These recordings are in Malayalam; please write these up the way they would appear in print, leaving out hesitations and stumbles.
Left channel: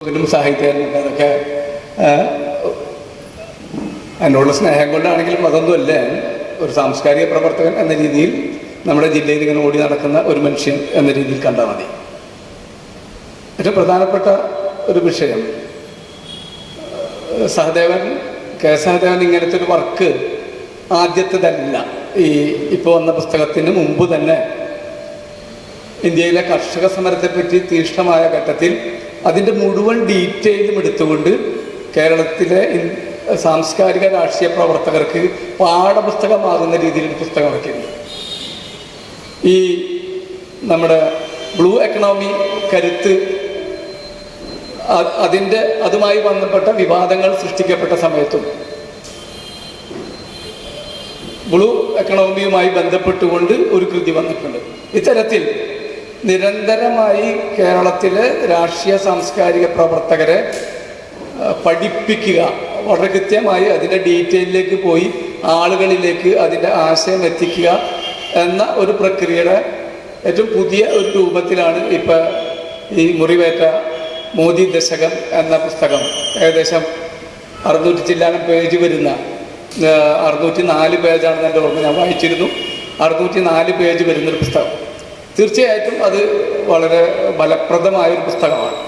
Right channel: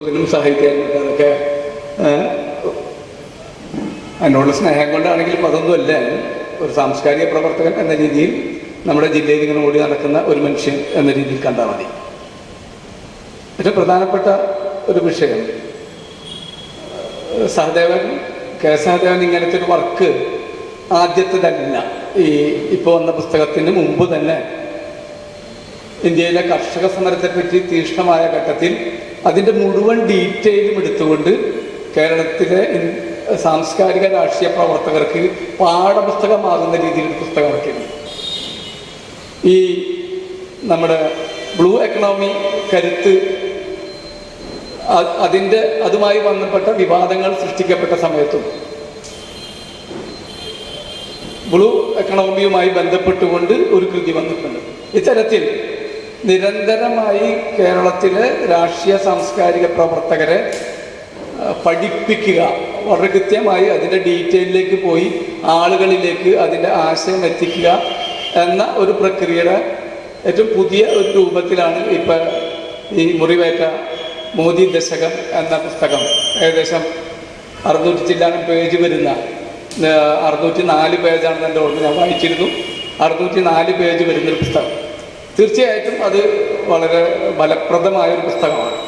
സാഹിത്യകാരനൊക്കെ എന്നോട് സ്നേഹം കൊണ്ടാണെങ്കിലും അതൊന്നുമല്ല. ഒരു സാംസ്കാരിക പ്രവർത്തകൻ എന്ന രീതിയിൽ നമ്മുടെ ജില്ലയിൽ ഇങ്ങനെ ഓടി നടക്കുന്ന ഒരു മനുഷ്യൻ എന്ന രീതിയിൽ കണ്ടാൽ മതി. ഏറ്റവും പ്രധാനപ്പെട്ട ഒരു വിഷയം, സഹദേവൻ കെ സഹദേവൻ ഇങ്ങനത്തെ ഒരു വർക്ക് ആദ്യത്തെ തന്നെ ഇപ്പോൾ വന്ന പുസ്തകത്തിന് മുമ്പ് തന്നെ ഇന്ത്യയിലെ കർഷക സമരത്തെപ്പറ്റി തീക്ഷ്ണമായ ഘട്ടത്തിൽ അതിൻ്റെ മുഴുവൻ ഡീറ്റെയിലും എടുത്തുകൊണ്ട് കേരളത്തിലെ സാംസ്കാരിക രാഷ്ട്രീയ പ്രവർത്തകർക്ക് പാഠപുസ്തകമാകുന്ന രീതിയിൽ പുസ്തകം ഇറക്കിയിരുന്നു. ഈ നമ്മുടെ ബ്ലൂ എക്കണോമി കരുത്ത് അതുമായി ബന്ധപ്പെട്ട വിവാദങ്ങൾ സൃഷ്ടിക്കപ്പെട്ട സമയത്തും ബ്ലൂ എക്കണോമിയുമായി ബന്ധപ്പെട്ടുകൊണ്ട് ഒരു കൃതി വന്നിട്ടുണ്ട്. ഇത്തരത്തിൽ നിരന്തരമായി കേരളത്തിലെ രാഷ്ട്രീയ സാംസ്കാരിക പ്രവർത്തകരെ പഠിപ്പിക്കുക, വളരെ കൃത്യമായി അതിൻ്റെ ഡീറ്റെയിലേക്ക് പോയി ആളുകളിലേക്ക് അതിൻ്റെ ആശയം എത്തിക്കുക എന്ന ഒരു പ്രക്രിയയുടെ ഏറ്റവും പുതിയ ഒരു രൂപത്തിലാണ് ഇപ്പം ഈ മുറിവേറ്റ മോദി ദശകം എന്ന പുസ്തകം. ഏകദേശം 600 ചില്ലാനം പേജ് വരുന്ന 604 പേജാണ് എൻ്റെ ഓർമ്മ, ഞാൻ വായിച്ചിരുന്നു. 604 പേജ് വരുന്നൊരു പുസ്തകം. തീർച്ചയായിട്ടും അത് വളരെ ഫലപ്രദമായൊരു പുസ്തകമാണ്.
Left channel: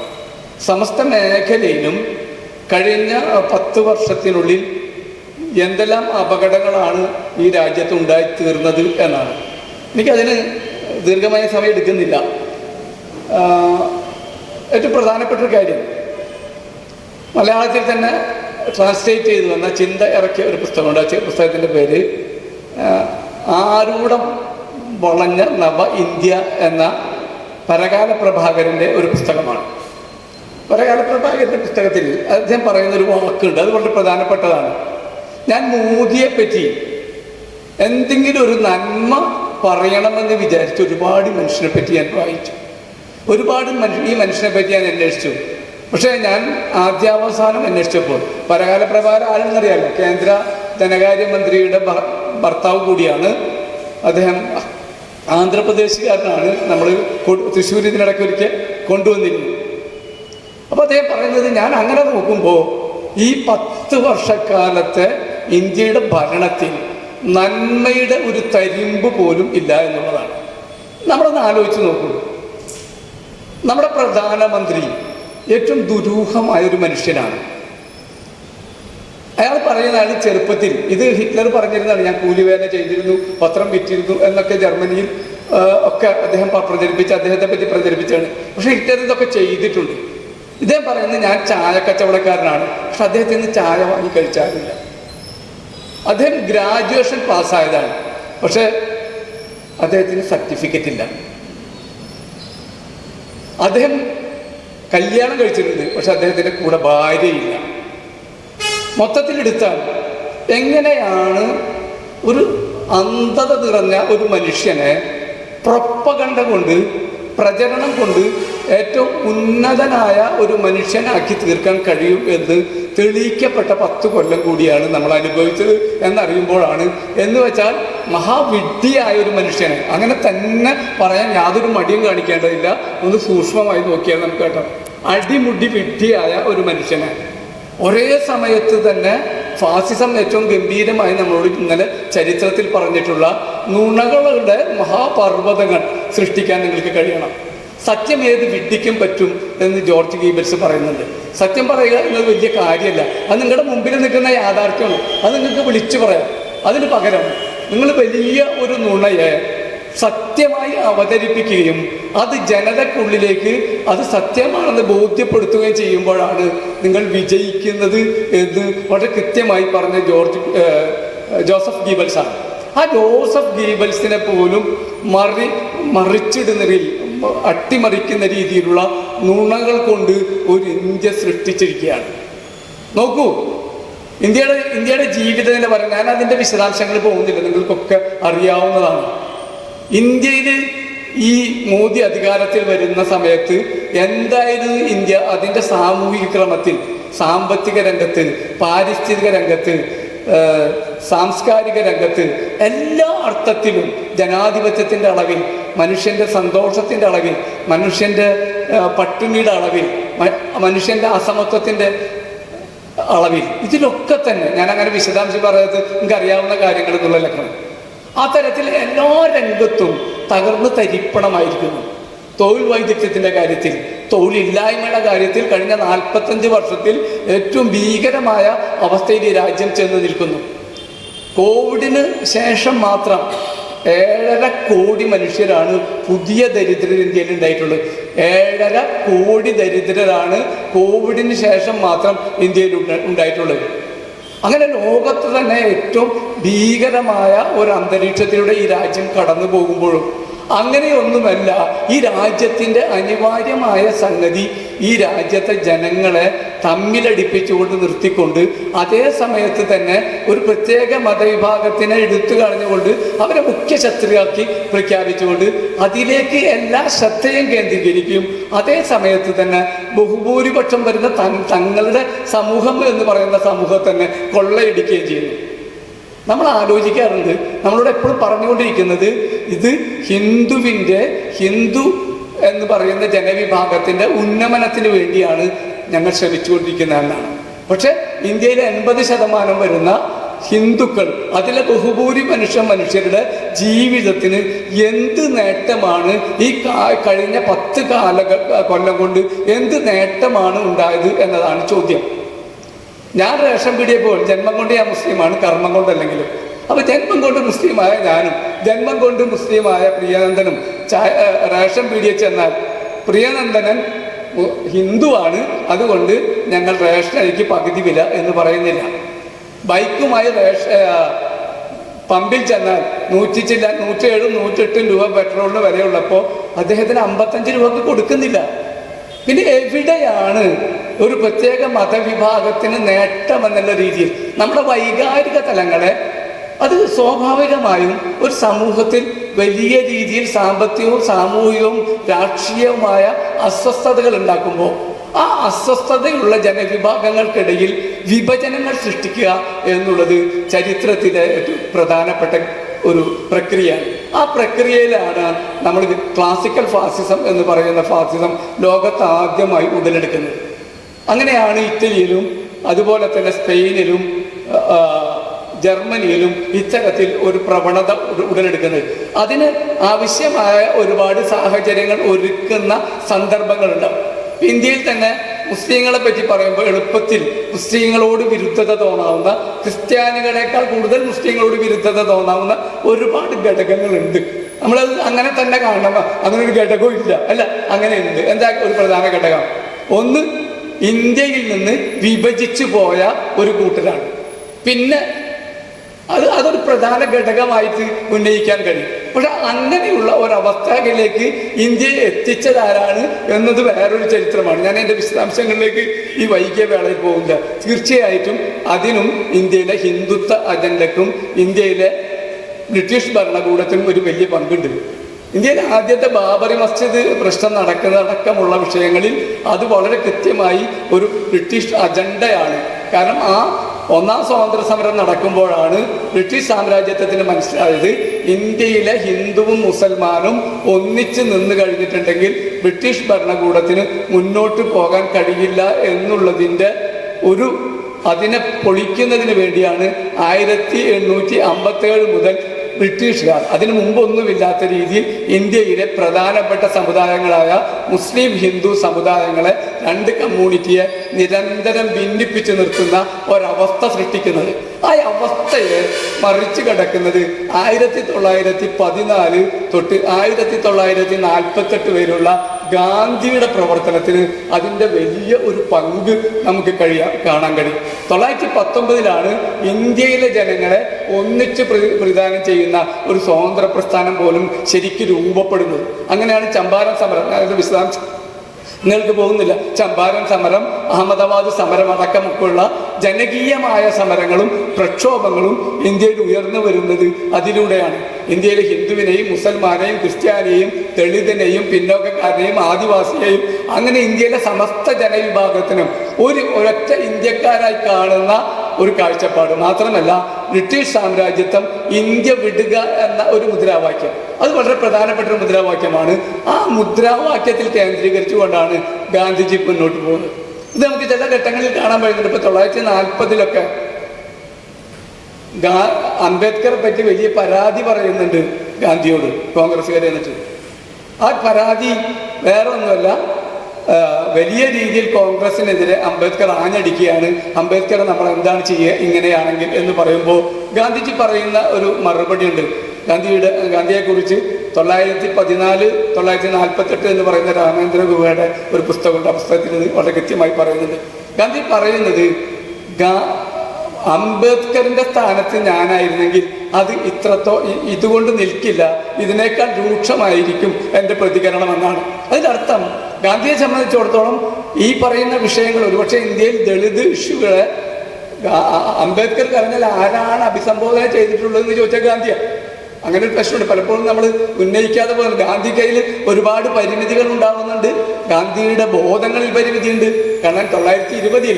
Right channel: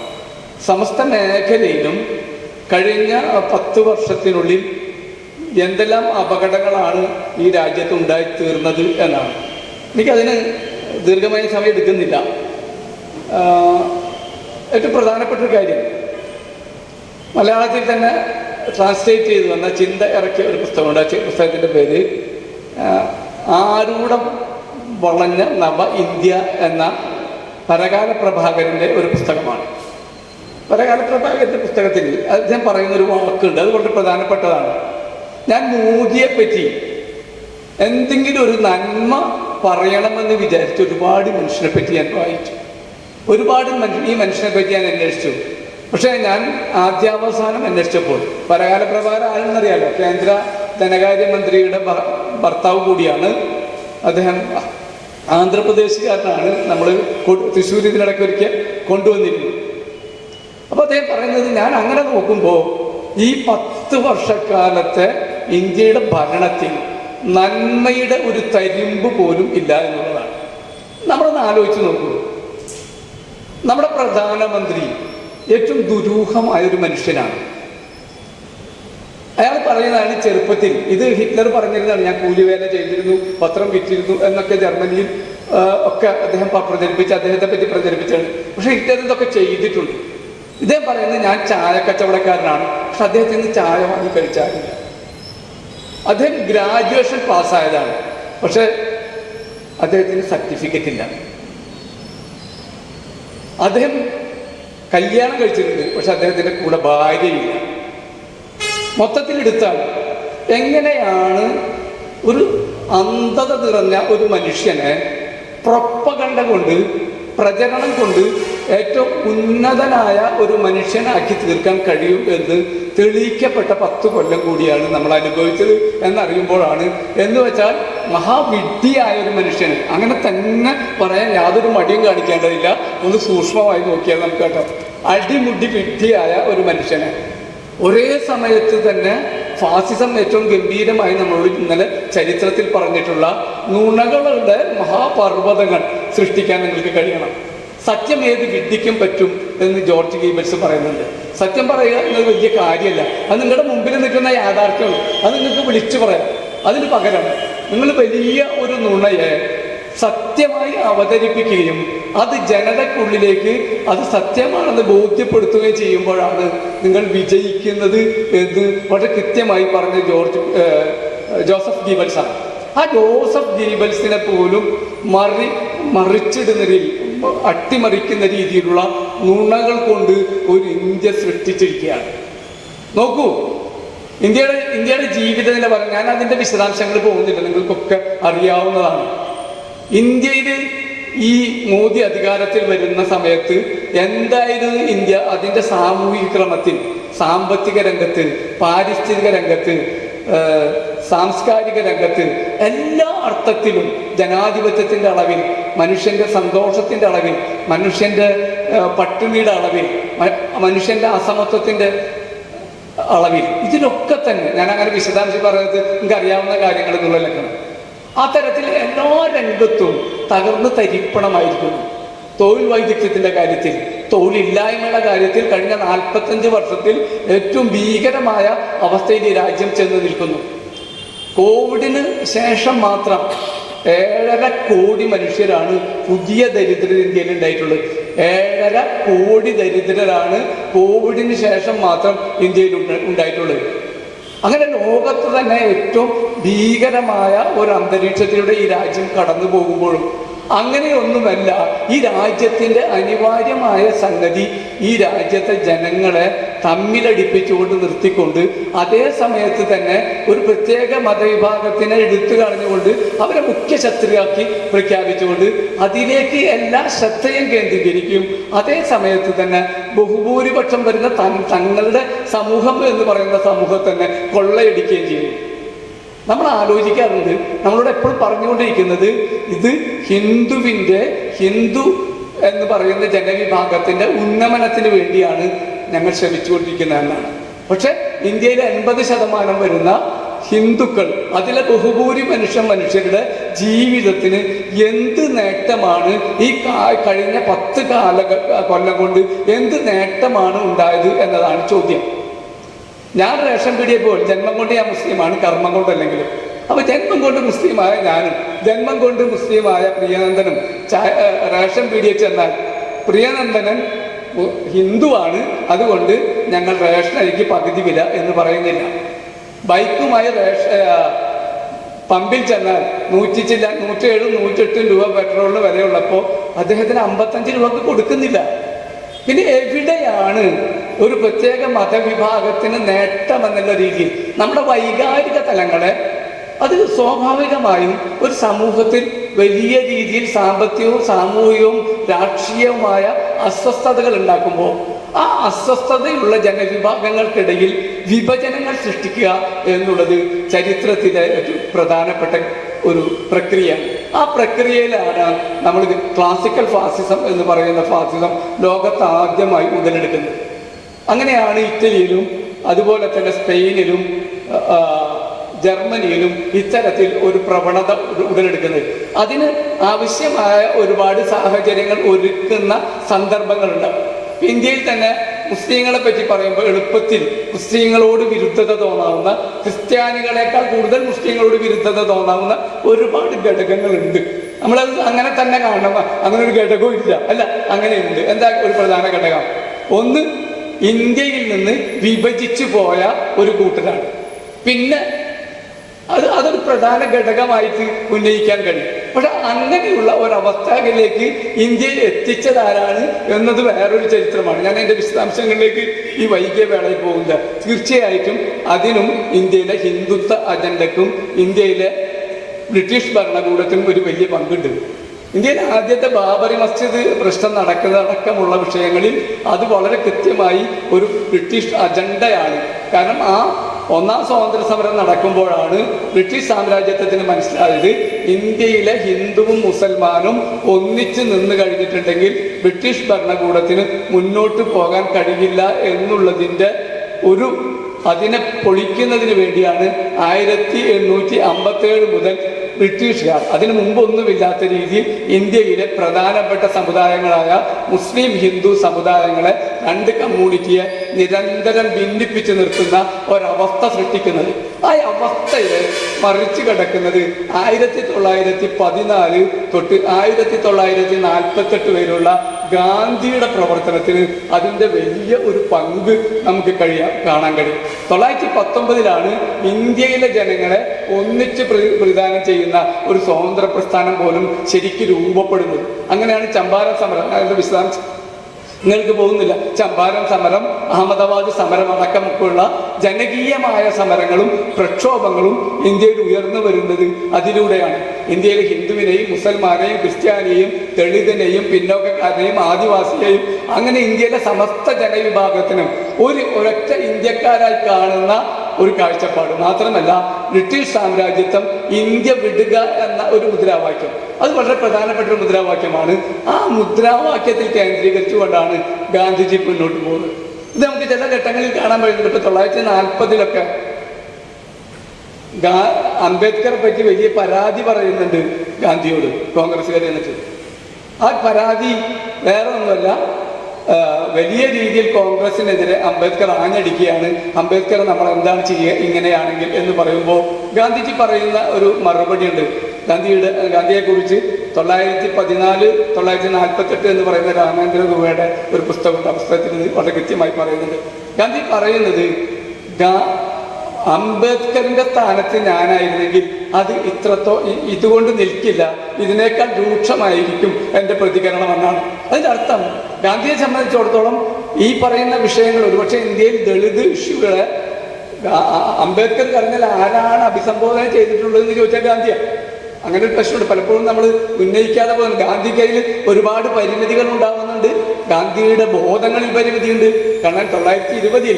സമസ്ത മേഖലയിലും കഴിഞ്ഞ 10 വർഷത്തിനുള്ളിൽ എന്തെല്ലാം അപകടങ്ങളാണ് ഈ രാജ്യത്ത് ഉണ്ടായിത്തീർന്നത് എന്നാണ്. എനിക്കതിന് ദീർഘമായ സമയം എടുക്കുന്നില്ല. ഏറ്റവും പ്രധാനപ്പെട്ട ഒരു കാര്യം, മലയാളത്തിൽ തന്നെ ട്രാൻസ്ലേറ്റ് ചെയ്തു വന്ന ചിന്ത ഇറക്കിയ ഒരു പുസ്തകമുണ്ട്. ആ പുസ്തകത്തിൻ്റെ പേര് ആരൂഢം വളഞ്ഞ നവ ഇന്ത്യ എന്ന പരകാല പ്രഭാകരൻ്റെ ഒരു പുസ്തകമാണ്. പരകാല പ്രഭാകരൻ്റെ പുസ്തകത്തിൽ അദ്ദേഹം പറയുന്നൊരു വാക്കുണ്ട്, അത് വളരെ പ്രധാനപ്പെട്ടതാണ്. ഞാൻ മോദിയെപ്പറ്റി എന്തെങ്കിലും ഒരു നന്മ പറയണമെന്ന് വിചാരിച്ച് ഒരുപാട് മനുഷ്യനെ പറ്റി ഞാൻ വായിച്ചു, ഒരുപാട് ഈ മനുഷ്യനെ പറ്റി ഞാൻ അന്വേഷിച്ചു. പക്ഷേ ഞാൻ ആദ്യാവസാനം അന്വേഷിച്ചപ്പോൾ, പരകാല പ്രഭാകരൻ ആരെന്നറിയാലോ, കേന്ദ്ര ധനകാര്യമന്ത്രിയുടെ ഭർത്താവ് കൂടിയാണ് അദ്ദേഹം. ആന്ധ്രാപ്രദേശുകാരനാണ്. നമ്മൾ തൃശ്ശൂർ ഇതിനിടയ്ക്ക് ഒരിക്കൽ കൊണ്ടുവന്നിരുന്നു. അപ്പോൾ അദ്ദേഹം പറയുന്നത്, ഞാൻ അങ്ങനെ നോക്കുമ്പോൾ ഈ 10 വർഷക്കാലത്തെ ഇന്ത്യയുടെ ഭരണത്തിൽ നന്മയുടെ ഒരു തരിമ്പ് പോലും ഇല്ല എന്നുള്ളതാണ്. നമ്മളൊന്ന് ആലോചിച്ച് നോക്കൂ. നമ്മുടെ പ്രധാനമന്ത്രി ഏറ്റവും ദുരൂഹമായൊരു മനുഷ്യനാണ്. അയാൾ പറയുന്നതാണ് ചെറുപ്പത്തിൽ, ഇത് ഹിറ്റ്ലർ പറഞ്ഞിരുന്നതാണ്, ഞാൻ കൂലിവേല ചെയ്തിരുന്നു, പത്രം വിറ്റിരുന്നു എന്നൊക്കെ ജർമ്മനിയിൽ ഒക്കെ അദ്ദേഹം പ്രചരിപ്പിച്ച്, അദ്ദേഹത്തെ പറ്റി പ്രചരിപ്പിച്ചാണ്. പക്ഷെ ഹിറ്റ്ലർ ഇതൊക്കെ ചെയ്തിട്ടുണ്ട്. ഇദ്ദേഹം പറയുന്നത്, ഞാൻ ചായ കച്ചവടക്കാരനാണ്, പക്ഷെ അദ്ദേഹത്തിന് ചായ വാങ്ങി കഴിച്ചാറില്ല. അദ്ദേഹം ഗ്രാജുവേഷൻ പാസ്സായതാണ്, പക്ഷെ അദ്ദേഹത്തിന് സർട്ടിഫിക്കറ്റ് ഇല്ല. അദ്ദേഹം കല്യാണം കഴിച്ചിട്ടുണ്ട്, പക്ഷെ അദ്ദേഹത്തിൻ്റെ കൂടെ ഭാര്യയില്ല. മൊത്തത്തിലെടുത്താൽ എങ്ങനെയാണ് ഒരു അന്ധത നിറഞ്ഞ ഒരു മനുഷ്യനെ പ്രൊപ്പഗണ്ട കൊണ്ട്, പ്രചരണം കൊണ്ട് ഏറ്റവും ഉന്നതനായ ഒരു മനുഷ്യനാക്കി തീർക്കാൻ കഴിയും എന്ന് തെളിയിക്കപ്പെട്ട 10 കൊല്ലം കൂടിയാണ് നമ്മൾ അനുഭവിച്ചത് എന്നറിയുമ്പോഴാണ്, എന്ന് വെച്ചാൽ മഹാവിഡ്ഢിയായ ഒരു മനുഷ്യനെ, അങ്ങനെ തന്നെ പറയാൻ യാതൊരു മടിയും കാണിക്കേണ്ടതില്ല. ഒന്ന് സൂക്ഷ്മമായി നോക്കിയാൽ നമുക്ക് കേട്ടോ, അടിമുടി വിഡ്ഢിയായ ഒരു മനുഷ്യനെ ഒരേ സമയത്ത് തന്നെ ഫാസിസം ഏറ്റവും ഗംഭീരമായി നമ്മളോട് ഇന്നലെ ചരിത്രത്തിൽ പറഞ്ഞിട്ടുള്ള നുണകളുടെ മഹാപർവ്വതങ്ങൾ സൃഷ്ടിക്കാൻ നിങ്ങൾക്ക് കഴിയണം. സത്യം ഏത് വിഡ്ഢിക്കും പറ്റും എന്ന് ജോർജ് ഗീബൽസ് പറയുന്നുണ്ട്. സത്യം പറയുക എന്നത് വലിയ കാര്യമല്ല, അത് നിങ്ങളുടെ മുമ്പിൽ നിൽക്കുന്ന യാഥാർത്ഥ്യമാണ്, അത് നിങ്ങൾക്ക് വിളിച്ചു പറയാം. അതിന് പകരം നിങ്ങൾ വലിയ ഒരു നുണയെ സത്യമായി അവതരിപ്പിക്കുകയും അത് ജനതക്കുള്ളിലേക്ക് അത് സത്യമാണെന്ന് ബോധ്യപ്പെടുത്തുകയും ചെയ്യുമ്പോഴാണ് നിങ്ങൾ വിജയിക്കുന്നത് എന്ന് വളരെ കൃത്യമായി പറഞ്ഞ ജോസഫ് ഗീബൽസാണ്. ആ ജോസഫ് ഗീബൽസിനെ പോലും മറിച്ചിടുന്ന അട്ടിമറിക്കുന്ന രീതിയിലുള്ള നുണകൾ കൊണ്ട് ഒരു ഇന്ത്യ സൃഷ്ടിച്ചിരിക്കുകയാണ്. നോക്കൂ, ഇന്ത്യയുടെ ജീവിതത്തിനെ പറയാൻ ഞാൻ അതിൻ്റെ വിശദാംശങ്ങൾ പോകുന്നില്ല, നിങ്ങൾക്കൊക്കെ അറിയാവുന്നതാണ്. ഇന്ത്യയിൽ ഈ മോദി അധികാരത്തിൽ വരുന്ന സമയത്ത് എന്തായിരുന്നു ഇന്ത്യ? അതിൻ്റെ സാമൂഹിക ക്രമത്തിൽ, സാമ്പത്തിക രംഗത്ത്, പാരിസ്ഥിതിക രംഗത്ത്, സാംസ്കാരിക രംഗത്ത് എല്ലാ അർത്ഥത്തിലും ജനാധിപത്യത്തിൻ്റെ അളവിൽ മനുഷ്യൻ്റെ സന്തോഷത്തിൻ്റെ അളവിൽ, മനുഷ്യൻ്റെ പട്ടിണിയുടെ അളവിൽ, മനുഷ്യൻ്റെ അസമത്വത്തിൻ്റെ അളവിൽ, ഇതിലൊക്കെ തന്നെ ഞാൻ അങ്ങനെ വിശദാംശം പറയാത്ത നിങ്ങൾക്ക് അറിയാവുന്ന കാര്യങ്ങൾ എന്നുള്ള ലക്ഷണം. ആ തരത്തിൽ എല്ലാ രംഗത്തും തകർന്ന് തരിപ്പണമായിരിക്കുന്നു. തൊഴിൽ വൈദഗ്ധ്യത്തിൻ്റെ കാര്യത്തിൽ, തൊഴിലില്ലായ്മയുടെ കാര്യത്തിൽ കഴിഞ്ഞ 45 വർഷത്തിൽ ഏറ്റവും ഭീകരമായ അവസ്ഥയിൽ ഈ രാജ്യം ചെന്ന് നിൽക്കുന്നു. കോവിഡിന് ശേഷം മാത്രം 7.5 കോടി മനുഷ്യരാണ് പുതിയ ദരിദ്രർ ഇന്ത്യയിൽ ഉണ്ടായിട്ടുള്ളത്. 7.5 കോടി ദരിദ്രരാണ് കോവിഡിന് ശേഷം മാത്രം ഇന്ത്യയിൽ ഉണ്ടായിട്ടുള്ളത്. അങ്ങനെ ലോകത്ത് തന്നെ ഏറ്റവും ഭീകരമായ ഒരു അന്തരീക്ഷത്തിലൂടെ ഈ രാജ്യം കടന്നു പോകുമ്പോഴും അങ്ങനെയൊന്നുമല്ല, ഈ രാജ്യത്തിൻ്റെ അനിവാര്യമായ സംഗതി ഈ രാജ്യത്തെ ജനങ്ങളെ തമ്മിലടിപ്പിച്ചുകൊണ്ട് നിർത്തിക്കൊണ്ട് അതേ സമയത്ത് തന്നെ ഒരു പ്രത്യേക മതവിഭാഗത്തിനെ എടുത്തു കളഞ്ഞുകൊണ്ട് അവരെ മുഖ്യ ശത്രുവാക്കി പ്രഖ്യാപിച്ചുകൊണ്ട് അതിലേക്ക് എല്ലാ ശ്രദ്ധയും കേന്ദ്രീകരിക്കും. അതേ സമയത്ത് തന്നെ ബഹുഭൂരിപക്ഷം വരുന്ന തങ്ങളുടെ സമൂഹം എന്ന് പറയുന്ന സമൂഹത്തെ തന്നെ കൊള്ളയടിക്കുകയും ചെയ്യും. നമ്മൾ ആലോചിക്കാറുണ്ട്, നമ്മളോട് എപ്പോഴും പറഞ്ഞുകൊണ്ടിരിക്കുന്നത് ഇത് ഹിന്ദു എന്ന് പറയുന്ന ജനവിഭാഗത്തിൻ്റെ ഉന്നമനത്തിന് വേണ്ടിയാണ് ഞങ്ങൾ ശ്രമിച്ചുകൊണ്ടിരിക്കുന്നതെന്നാണ്. പക്ഷെ ഇന്ത്യയിലെ 80% വരുന്ന ഹിന്ദുക്കൾ, അതിലെ ബഹുഭൂരി മനുഷ്യരുടെ ജീവിതത്തിന് എന്ത് നേട്ടമാണ് ഈ കഴിഞ്ഞ 10 കൊല്ലം കൊണ്ട് എന്ത് നേട്ടമാണ് ഉണ്ടായത് എന്നതാണ് ചോദ്യം. ഞാൻ റേഷൻ പീടിയപ്പോൾ ജന്മം കൊണ്ട് ഞാൻ മുസ്ലിമാണ്, കർമ്മം കൊണ്ടല്ലെങ്കിലും. അപ്പൊ ജന്മം കൊണ്ട് മുസ്ലിമായ ഞാനും ജന്മം കൊണ്ട് മുസ്ലിമായ പ്രിയനന്ദനും റേഷൻ പീടിയ ചെന്നാൽ പ്രിയനന്ദനൻ ഹിന്ദുവാണ്, അതുകൊണ്ട് ഞങ്ങൾ റേഷൻ അരിക്ക് പകുതി വില എന്ന് പറയുന്നില്ല. ബൈക്കുമായി പമ്പിൽ ചെന്നാൽ 107, 108 രൂപ പെട്രോളിന് വിലയുള്ളപ്പോൾ അദ്ദേഹത്തിന് 55 രൂപക്ക് കൊടുക്കുന്നില്ല. പിന്നെ എവിടെയാണ് ഒരു പ്രത്യേക മതവിഭാഗത്തിന് നേട്ടമെന്നുള്ള രീതിയിൽ നമ്മുടെ വൈകാരിക തലങ്ങളെ അത് സ്വാഭാവികമായും ഒരു സമൂഹത്തിൽ വലിയ രീതിയിൽ സാമ്പത്തികവും സാമൂഹികവും രാഷ്ട്രീയവുമായ അസ്വസ്ഥതകൾ ഉണ്ടാക്കുമ്പോൾ ആ അസ്വസ്ഥതയുള്ള ജനവിഭാഗങ്ങൾക്കിടയിൽ വിഭജനങ്ങൾ സൃഷ്ടിക്കുക എന്നുള്ളത് ചരിത്രത്തിലെ പ്രധാനപ്പെട്ട ഒരു പ്രക്രിയയാണ്. ആ പ്രക്രിയയിലാണ് നമ്മൾ ക്ലാസിക്കൽ ഫാസിസം എന്ന് പറയുന്ന ഫാസിസം ലോകത്ത് ആദ്യമായി ഉടലെടുക്കുന്നത്. അങ്ങനെയാണ് ഇറ്റലിയിലും അതുപോലെ തന്നെ സ്പെയിനിലും ജർമ്മനിയിലും ഇത്തരത്തിൽ ഒരു പ്രവണത ഉടലെടുക്കുന്നത്. അതിന് ആവശ്യമായ ഒരുപാട് സാഹചര്യങ്ങൾ ഒരുക്കുന്ന സന്ദർഭങ്ങളുണ്ടാവും. ഇന്ത്യയിൽ തന്നെ മുസ്ലിങ്ങളെ പറ്റി പറയുമ്പോൾ എളുപ്പത്തിൽ മുസ്ലിങ്ങളോട് വിരുദ്ധത തോന്നാവുന്ന, ക്രിസ്ത്യാനികളെക്കാൾ കൂടുതൽ മുസ്ലിങ്ങളോട് വിരുദ്ധത തോന്നാവുന്ന ഒരുപാട് ഘടകങ്ങളുണ്ട്. നമ്മളത് അങ്ങനെ തന്നെ കാണണം. അങ്ങനെ ഒരു ഘടകവും ഇല്ല, അല്ല, അങ്ങനെയുണ്ട്. എന്താ ഒരു പ്രധാന ഘടകം? ഒന്ന്, ഇന്ത്യയിൽ നിന്ന് വിഭജിച്ചു പോയ ഒരു കൂട്ടരാണ്. പിന്നെ അതൊരു പ്രധാന ഘടകമായിട്ട് ഉന്നയിക്കാൻ കഴിയും. പക്ഷെ അങ്ങനെയുള്ള ഒരവസ്ഥയിലേക്ക് ഇന്ത്യയെ എത്തിച്ചതാരാണ് എന്നത് വേറൊരു ചരിത്രമാണ്. ഞാൻ എൻ്റെ വിശദാംശങ്ങളിലേക്ക് ഈ വൈകിയ വേളയിൽ പോകുന്നത്. തീർച്ചയായിട്ടും അതിനും ഇന്ത്യയിലെ ഹിന്ദുത്വ അജണ്ടക്കും ഇന്ത്യയിലെ ബ്രിട്ടീഷ് ഭരണകൂടത്തിനും ഒരു വലിയ പങ്കുണ്ട്. ഇന്ത്യയിലെ ആദ്യത്തെ ബാബറി മസ്ജിദ് പ്രശ്നം നടക്കുന്നതടക്കമുള്ള വിഷയങ്ങളിൽ അത് വളരെ കൃത്യമായി ഒരു ബ്രിട്ടീഷ് അജണ്ടയാണ്. കാരണം ആ ഒന്നാം സ്വാതന്ത്ര്യ സമരം നടക്കുമ്പോഴാണ് ബ്രിട്ടീഷ് സാമ്രാജ്യത്വത്തിന് മനസ്സിലായത് ഇന്ത്യയിലെ ഹിന്ദുവും മുസൽമാനും ഒന്നിച്ച് നിന്ന് കഴിഞ്ഞിട്ടുണ്ടെങ്കിൽ ബ്രിട്ടീഷ് ഭരണകൂടത്തിന് മുന്നോട്ട് പോകാൻ കഴിയില്ല എന്നുള്ളതിൻ്റെ അതിനെ പൊളിക്കുന്നതിന് വേണ്ടിയാണ് 1857 മുതൽ ബ്രിട്ടീഷുകാർ, അതിനു മുമ്പൊന്നുമില്ലാത്ത രീതിയിൽ ഇന്ത്യയിലെ പ്രധാനപ്പെട്ട സമുദായങ്ങളായ മുസ്ലിം ഹിന്ദു സമുദായങ്ങളെ, രണ്ട് കമ്മ്യൂണിറ്റിയെ നിരന്തരം ഭിന്നിപ്പിച്ചു നിർത്തുന്ന ഒരവസ്ഥ സൃഷ്ടിക്കുന്നത്. ആ അവസ്ഥയെ മറിച്ചു കടക്കുന്നത് 1914 തൊട്ട് 1948 വരെയുള്ള ഗാന്ധിയുടെ പ്രവർത്തനത്തിന് അതിൻ്റെ വലിയ ഒരു പങ്ക് നമുക്ക് കാണാൻ കഴിയും. 1919 ഇന്ത്യയിലെ ജനങ്ങളെ ഒന്നിച്ച് പ്രതിദാനം ചെയ്യുന്ന ഒരു സ്വതന്ത്ര പ്രസ്ഥാനം പോലും ശരിക്കും രൂപപ്പെടുന്നത്. അങ്ങനെയാണ് ചമ്പാരൻ സമരം. അതിൻ്റെ വിശദാംശം നിങ്ങൾക്ക് പോകുന്നില്ല. ചമ്പാരൻ സമരം, അഹമ്മദാബാദ് സമരം അടക്കമൊക്കെയുള്ള ജനകീയമായ സമരങ്ങളും പ്രക്ഷോഭങ്ങളും ഇന്ത്യയിൽ ഉയർന്നു വരുന്നത് അതിലൂടെയാണ്. ഇന്ത്യയിലെ ഹിന്ദുവിനെയും മുസൽമാനെയും ക്രിസ്ത്യാനിയെയും ദളിതനെയും പിന്നോക്കക്കാരനെയും ആദിവാസിയെയും അങ്ങനെ ഇന്ത്യയിലെ സമസ്ത ജനവിഭാഗത്തിനും ഒരൊറ്റ ഇന്ത്യക്കാരായി കാണുന്ന ഒരു കാഴ്ചപ്പാട്. മാത്രമല്ല ബ്രിട്ടീഷ് സാമ്രാജ്യത്വം ഇന്ത്യ വിടുക എന്ന ഒരു മുദ്രാവാക്യം, അത് വളരെ പ്രധാനപ്പെട്ട ഒരു മുദ്രാവാക്യമാണ്. ആ മുദ്രാവാക്യത്തിൽ കേന്ദ്രീകരിച്ചുകൊണ്ടാണ് ഗാന്ധിജി മുന്നോട്ട് പോകുന്നത്. ഇത് നമുക്ക് ചില ഘട്ടങ്ങളിൽ കാണാൻ കഴിയുന്നുണ്ട്. ഇപ്പൊ 1940 അംബേദ്കറെ പറ്റി വലിയ പരാതി പറയുന്നുണ്ട് ഗാന്ധിയോട് കോൺഗ്രസ്സുകാർ എന്നിട്ട്. ആ പരാതി വേറെ ഒന്നുമല്ല, വലിയ രീതിയിൽ കോൺഗ്രസിനെതിരെ അംബേദ്കർ ആഞ്ഞടിക്കുകയാണ്. അംബേദ്കർ നമ്മൾ എന്താണ് ചെയ്യുക ഇങ്ങനെയാണെങ്കിൽ എന്ന് പറയുമ്പോൾ ഗാന്ധിജി പറയുന്ന ഒരു മറുപടി ഉണ്ട്. ഗാന്ധിയെക്കുറിച്ച് 1914 1948 എന്ന് പറയുന്ന രാമേന്ദ്ര ഗുഹയുടെ ഒരു പുസ്തകമുണ്ട്. ആ പുസ്തകത്തിൽ വളരെ കൃത്യമായി പറയുന്നുണ്ട്. ഗാന്ധി പറയുന്നത്, അംബേദ്കറിന്റെ സ്ഥാനത്ത് ഞാനായിരുന്നെങ്കിൽ അത് ഇതുകൊണ്ട് നിൽക്കില്ല, ഇതിനേക്കാൾ രൂക്ഷമായിരിക്കും എൻ്റെ പ്രതികരണം എന്നാണ്. അതിൻ്റെ അർത്ഥം ഗാന്ധിയെ സംബന്ധിച്ചിടത്തോളം ഈ പറയുന്ന വിഷയങ്ങൾ, ഒരുപക്ഷെ ഇന്ത്യയിൽ ദളിത് ഇഷ്യൂകളെ അംബേദ്കർ പറഞ്ഞാൽ ആരാണ് അഭിസംബോധന ചെയ്തിട്ടുള്ളതെന്ന് ചോദിച്ചാൽ ഗാന്ധിയാണ്. അങ്ങനെ ഒരു പ്രശ്നമുണ്ട്. പലപ്പോഴും നമ്മൾ ഉന്നയിക്കാതെ പോകുന്നു. ഗാന്ധി കയ്യിൽ ഒരുപാട് പരിമിതികൾ ഉണ്ടാകുന്നുണ്ട്. ഗാന്ധിയുടെ ബോധങ്ങളിൽ പരിമിതിയുണ്ട്. കാരണം 1920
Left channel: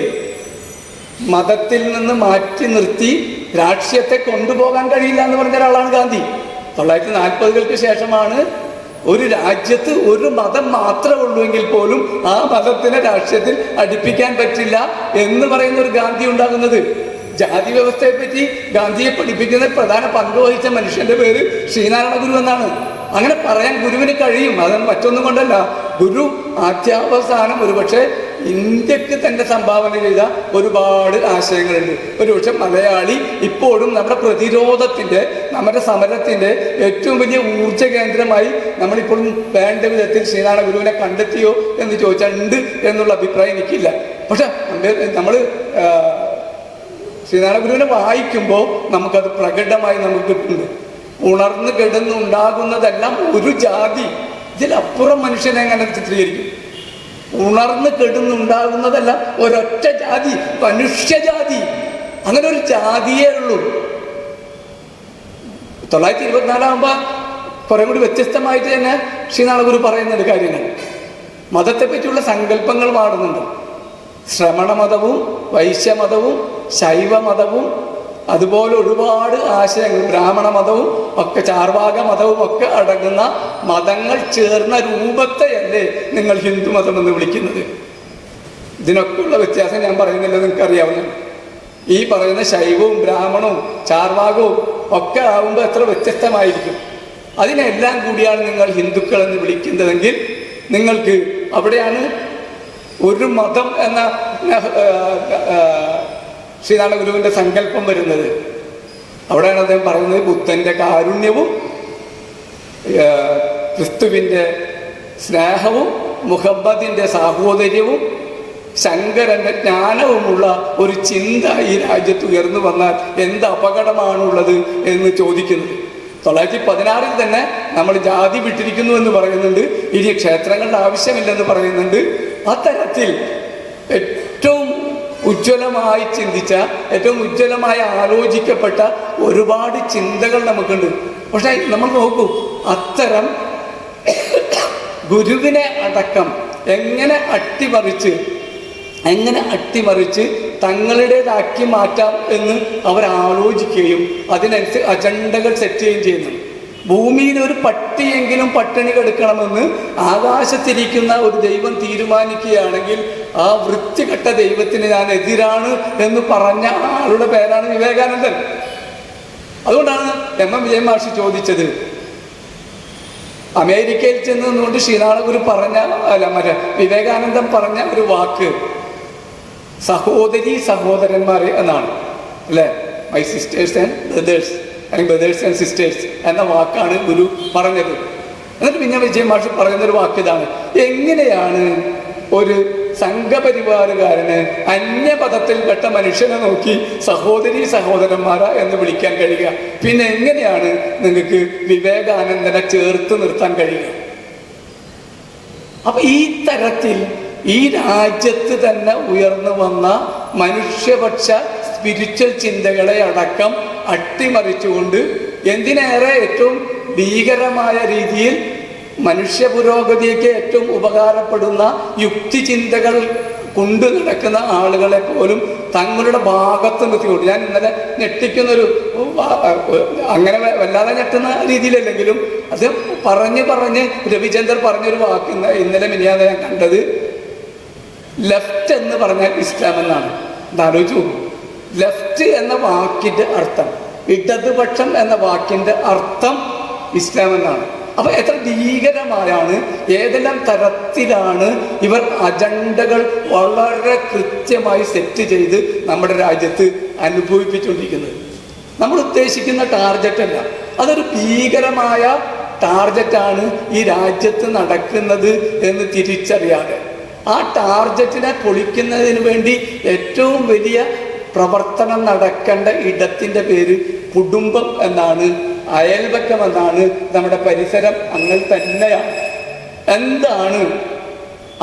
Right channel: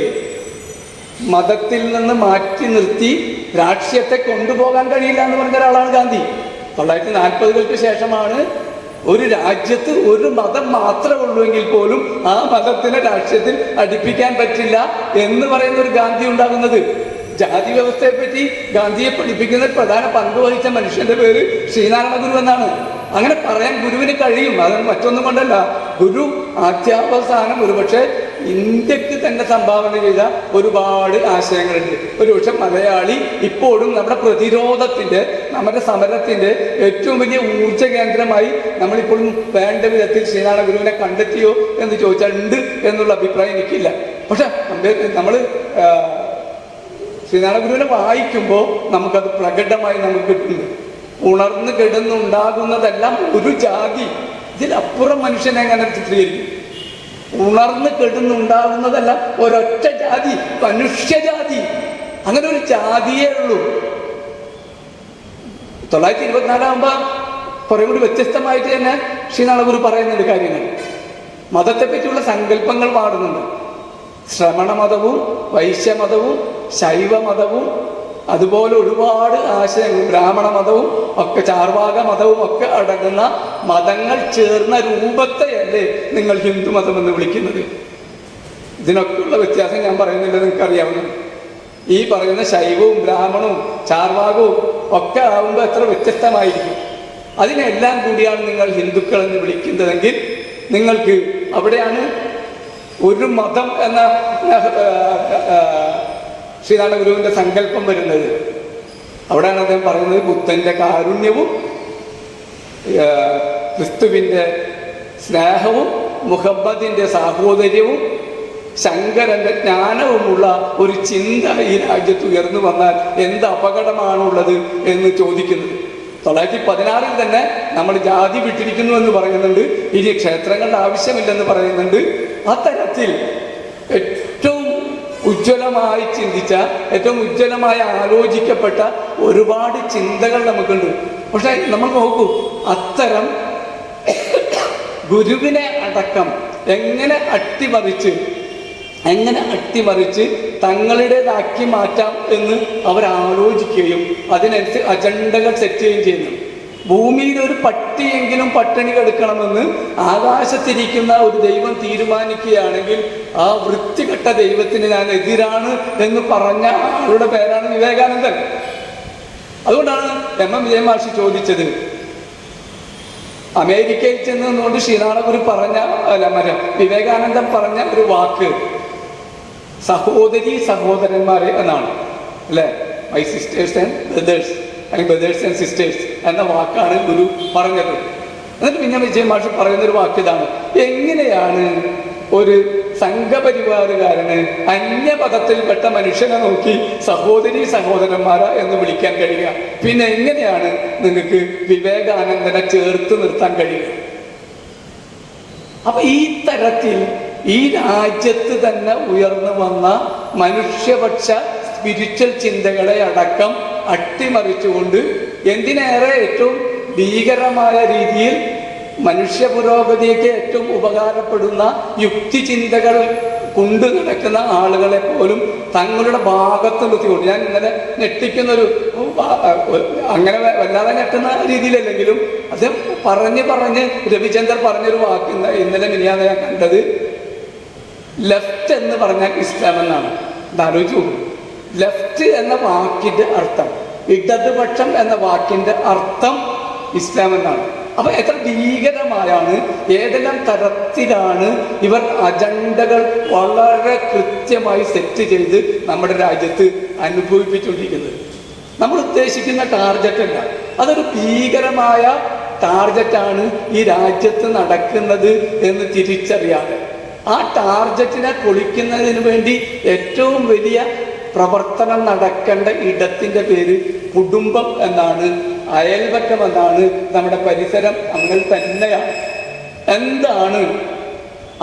മതത്തിൽ നിന്ന് മാറ്റി നിർത്തി രാഷ്ട്രീയത്തെ കൊണ്ടുപോകാൻ കഴിയില്ല എന്ന് പറഞ്ഞ ഒരാളാണ് ഗാന്ധി. 1940 ശേഷമാണ് ഒരു രാജ്യത്ത് ഒരു മതം മാത്രമേ ഉള്ളൂ എങ്കിൽ പോലും ആ മതത്തിനെ രാഷ്ട്രീയത്തിൽ അടുപ്പിക്കാൻ പറ്റില്ല എന്ന് പറയുന്ന ഒരു ഗാന്ധി ഉണ്ടാകുന്നത്. ജാതി വ്യവസ്ഥയെ പറ്റി ഗാന്ധിയെ പഠിപ്പിക്കുന്ന പ്രധാന പങ്ക് വഹിച്ച മനുഷ്യന്റെ പേര് ശ്രീനാരായണ ഗുരു എന്നാണ്. അങ്ങനെ പറയാൻ ഗുരുവിന് കഴിയും. അത് മറ്റൊന്നും കൊണ്ടല്ല. ഗുരു ആദ്യാവസാനം ഒരുപക്ഷെ ഇന്ത്യക്ക് തന്നെ സംഭാവന ചെയ്ത ഒരുപാട് ആശയങ്ങളുണ്ട്. ഒരുപക്ഷെ മലയാളി ഇപ്പോഴും നമ്മുടെ പ്രതിരോധത്തിന്റെ, നമ്മുടെ സമരത്തിന്റെ ഏറ്റവും വലിയ ഊർജ്ജ കേന്ദ്രമായി നമ്മളിപ്പോഴും വേണ്ട വിധത്തിൽ ശ്രീനാരായണ ഗുരുവിനെ കണ്ടെത്തിയോ എന്ന് ചോദിച്ചാൽ ഉണ്ട് എന്നുള്ള അഭിപ്രായം എനിക്കില്ല. പക്ഷെ നമ്മൾ ശ്രീനാരായണ ഗുരുവിനെ വായിക്കുമ്പോൾ നമുക്കത് പ്രകടമായി നമുക്ക് കിട്ടുന്നുണ്ട്. ഉണർന്ന് കിടന്നുണ്ടാകുന്നതെല്ലാം ഒരു ജാതി, ഇതിലപ്പുറം മനുഷ്യനെ എങ്ങനെ ചിത്രീകരിക്കും? ഉണർന്ന് കിടന്നുണ്ടാകുന്നതെല്ലാം ഒരൊറ്റ ജാതി, മനുഷ്യജാതി. അങ്ങനെ ഒരു ജാതിയേ ഉള്ളൂ. 1924 കുറെ കൂടി വ്യത്യസ്തമായിട്ട് തന്നെ ശ്രീനാരായണ ഗുരു പറയുന്നുണ്ട് കാര്യങ്ങൾ. മതത്തെ പറ്റിയുള്ള സങ്കല്പങ്ങൾ മാറുന്നുണ്ട്. ശ്രമണ മതവും വൈശ്യമതവും ശൈവമതവും അതുപോലെ ഒരുപാട് ആശയങ്ങൾ, ബ്രാഹ്മണ മതവും ഒക്കെ ചാർവാക മതവും ഒക്കെ അടങ്ങുന്ന മതങ്ങൾ ചേർന്ന രൂപത്തെയല്ലേ നിങ്ങൾ ഹിന്ദു മതം എന്ന് വിളിക്കുന്നത്? ഇതിനൊക്കെയുള്ള വ്യത്യാസം ഞാൻ പറയുന്നില്ല, നിങ്ങൾക്കറിയാവുന്ന. ഈ പറയുന്ന ശൈവവും ബ്രാഹ്മണവും ചാർവാകവും ഒക്കെ ആകുമ്പോൾ എത്ര വ്യത്യസ്തമായിരിക്കും. അതിനെല്ലാം കൂടിയാണ് നിങ്ങൾ ഹിന്ദുക്കൾ എന്ന് വിളിക്കുന്നതെങ്കിൽ നിങ്ങൾക്ക് അവിടെയാണ് ഒരു മതം എന്ന ശ്രീനാരായണ ഗുരുവിന്റെ സങ്കല്പം വരുന്നത്. അവിടെയാണ് അദ്ദേഹം പറയുന്നത്, ബുദ്ധന്റെ കാരുണ്യവും ക്രിസ്തുവിന്റെ സ്നേഹവും മുഹമ്മദിന്റെ സാഹോദര്യവും ശങ്കരന്റെ ജ്ഞാനവുമുള്ള ഒരു ചിന്ത ഈ രാജ്യത്ത് ഉയർന്നു വന്നാൽ എന്ത് അപകടമാണുള്ളത് എന്ന് ചോദിക്കുന്നത്. 1916 തന്നെ നമ്മൾ ജാതി വിട്ടിരിക്കുന്നു എന്ന് പറയുന്നുണ്ട്. ഇനി ക്ഷേത്രങ്ങളുടെ ആവശ്യമില്ലെന്ന് പറയുന്നുണ്ട്. അത്തരത്തിൽ ഏറ്റവും ഉജ്ജ്വലമായി ചിന്തിച്ച, ഏറ്റവും ഉജ്ജ്വലമായി ആലോചിക്കപ്പെട്ട ഒരുപാട് ചിന്തകൾ നമുക്കുണ്ട്. പക്ഷെ നമ്മൾ നോക്കൂ, അത്തരം ഗുരുവിനെ അടക്കം എങ്ങനെ അട്ടിമറിച്ച് തങ്ങളുടേതാക്കി മാറ്റാം എന്ന് അവർ ആലോചിക്കുകയും അതിനനുസരിച്ച് അജണ്ടകൾ സെറ്റ് ചെയ്യുകയും ചെയ്യുന്നു. ഭൂമിയിൽ ഒരു പട്ടിയെങ്കിലും പട്ടിണി കിടക്കണമെന്ന് ആകാശത്തിരിക്കുന്ന ഒരു ദൈവം തീരുമാനിക്കുകയാണെങ്കിൽ ആ വൃത്തികെട്ട ദൈവത്തിന് ഞാൻ എതിരാണ് എന്ന് പറഞ്ഞ ആളുടെ പേരാണ് വിവേകാനന്ദൻ. അതുകൊണ്ടാണ് എം വിജയമാഷി ചോദിച്ചത്, അമേരിക്കയിൽ ചെന്നുകൊണ്ട് ശ്രീനാരായണ ഗുരു പറഞ്ഞ വിവേകാനന്ദൻ പറഞ്ഞ ഒരു വാക്ക് സഹോദരി സഹോദരന്മാർ എന്നാണ്, അല്ലെ? മൈ സിസ്റ്റേഴ്സ് ആൻഡ് ബ്രദേഴ്സ്, അല്ലെങ്കിൽ ബ്രദേഴ്സ് ആൻഡ് സിസ്റ്റേഴ്സ് എന്ന വാക്കാണ് ഗുരു പറഞ്ഞത്. എന്നിട്ട് പിന്നെ വിജയമാഷ് പറയുന്നൊരു വാക്ക് ഇതാണ്, എങ്ങനെയാണ് ഒരു സംഘപരിവാറുകാരന് അന്യപദത്തിൽപ്പെട്ട മനുഷ്യനെ നോക്കി സഹോദരി സഹോദരന്മാരാ എന്ന് വിളിക്കാൻ കഴിയുക? പിന്നെ എങ്ങനെയാണ് നിങ്ങൾക്ക് വിവേകാനന്ദനെ ചേർത്ത് നിർത്താൻ കഴിയുക? അപ്പൊ ഈ തരത്തിൽ ഈ രാജ്യത്ത് തന്നെ ഉയർന്നു വന്ന മനുഷ്യപക്ഷ സ്പിരിച്വൽ ചിന്തകളെ അടക്കം അട്ടിമറിച്ചുകൊണ്ട് എന്തിനേറെ ഏറ്റവും ഭീകരമായ രീതിയിൽ മനുഷ്യ പുരോഗതിക്ക് ഏറ്റവും ഉപകാരപ്പെടുന്ന യുക്തിചിന്തകൾ കൊണ്ടു നടക്കുന്ന ആളുകളെ പോലും തങ്ങളുടെ ഭാഗത്ത് നിർത്തിക്കൊണ്ട്, ഞാൻ ഇന്നലെ ഞെട്ടിക്കുന്നൊരു, അങ്ങനെ വല്ലാതെ ഞെട്ടുന്ന രീതിയിലല്ലെങ്കിലും അത് പറഞ്ഞ് രവിചന്ദ്രൻ പറഞ്ഞൊരു വാക്ക് ഇന്നലെ മിനിയാതെ ഞാൻ കണ്ടത്, ലെഫ്റ്റ് എന്ന് പറഞ്ഞാൽ ഇസ്ലാം എന്നാണ്. ഇതാലോചിച്ചു പോകും. ലെഫ്റ്റ് എന്ന വാക്കിന്റെ അർത്ഥം, ഇടതുപക്ഷം എന്ന വാക്കിന്റെ അർത്ഥം ഇസ്ലാം എന്നാണ്. അപ്പൊ എത്ര ഭീകരമായാണ്, ഏതെല്ലാം തരത്തിലാണ് ഇവർ അജണ്ടകൾ വളരെ കൃത്യമായി സെറ്റ് ചെയ്ത് നമ്മുടെ രാജ്യത്ത് അനുഭവിപ്പിച്ചുകൊണ്ടിരിക്കുന്നത്. നമ്മൾ ഉദ്ദേശിക്കുന്ന ടാർഗറ്റ് അല്ല, അതൊരു ഭീകരമായ ടാർഗറ്റാണ് ഈ രാജ്യത്ത് നടക്കുന്നത് എന്ന് തിരിച്ചറിയാതെ ആ ടാർഗറ്റിനെ പൊളിക്കുന്നതിന് വേണ്ടി ഏറ്റവും വലിയ പ്രവർത്തനം നടക്കേണ്ട ഇടത്തിന്റെ പേര് കുടുംബം എന്നാണ്, അയൽപക്കം എന്നാണ്, നമ്മുടെ പരിസരം അങ്ങനെ തന്നെയാണ്. എന്താണ്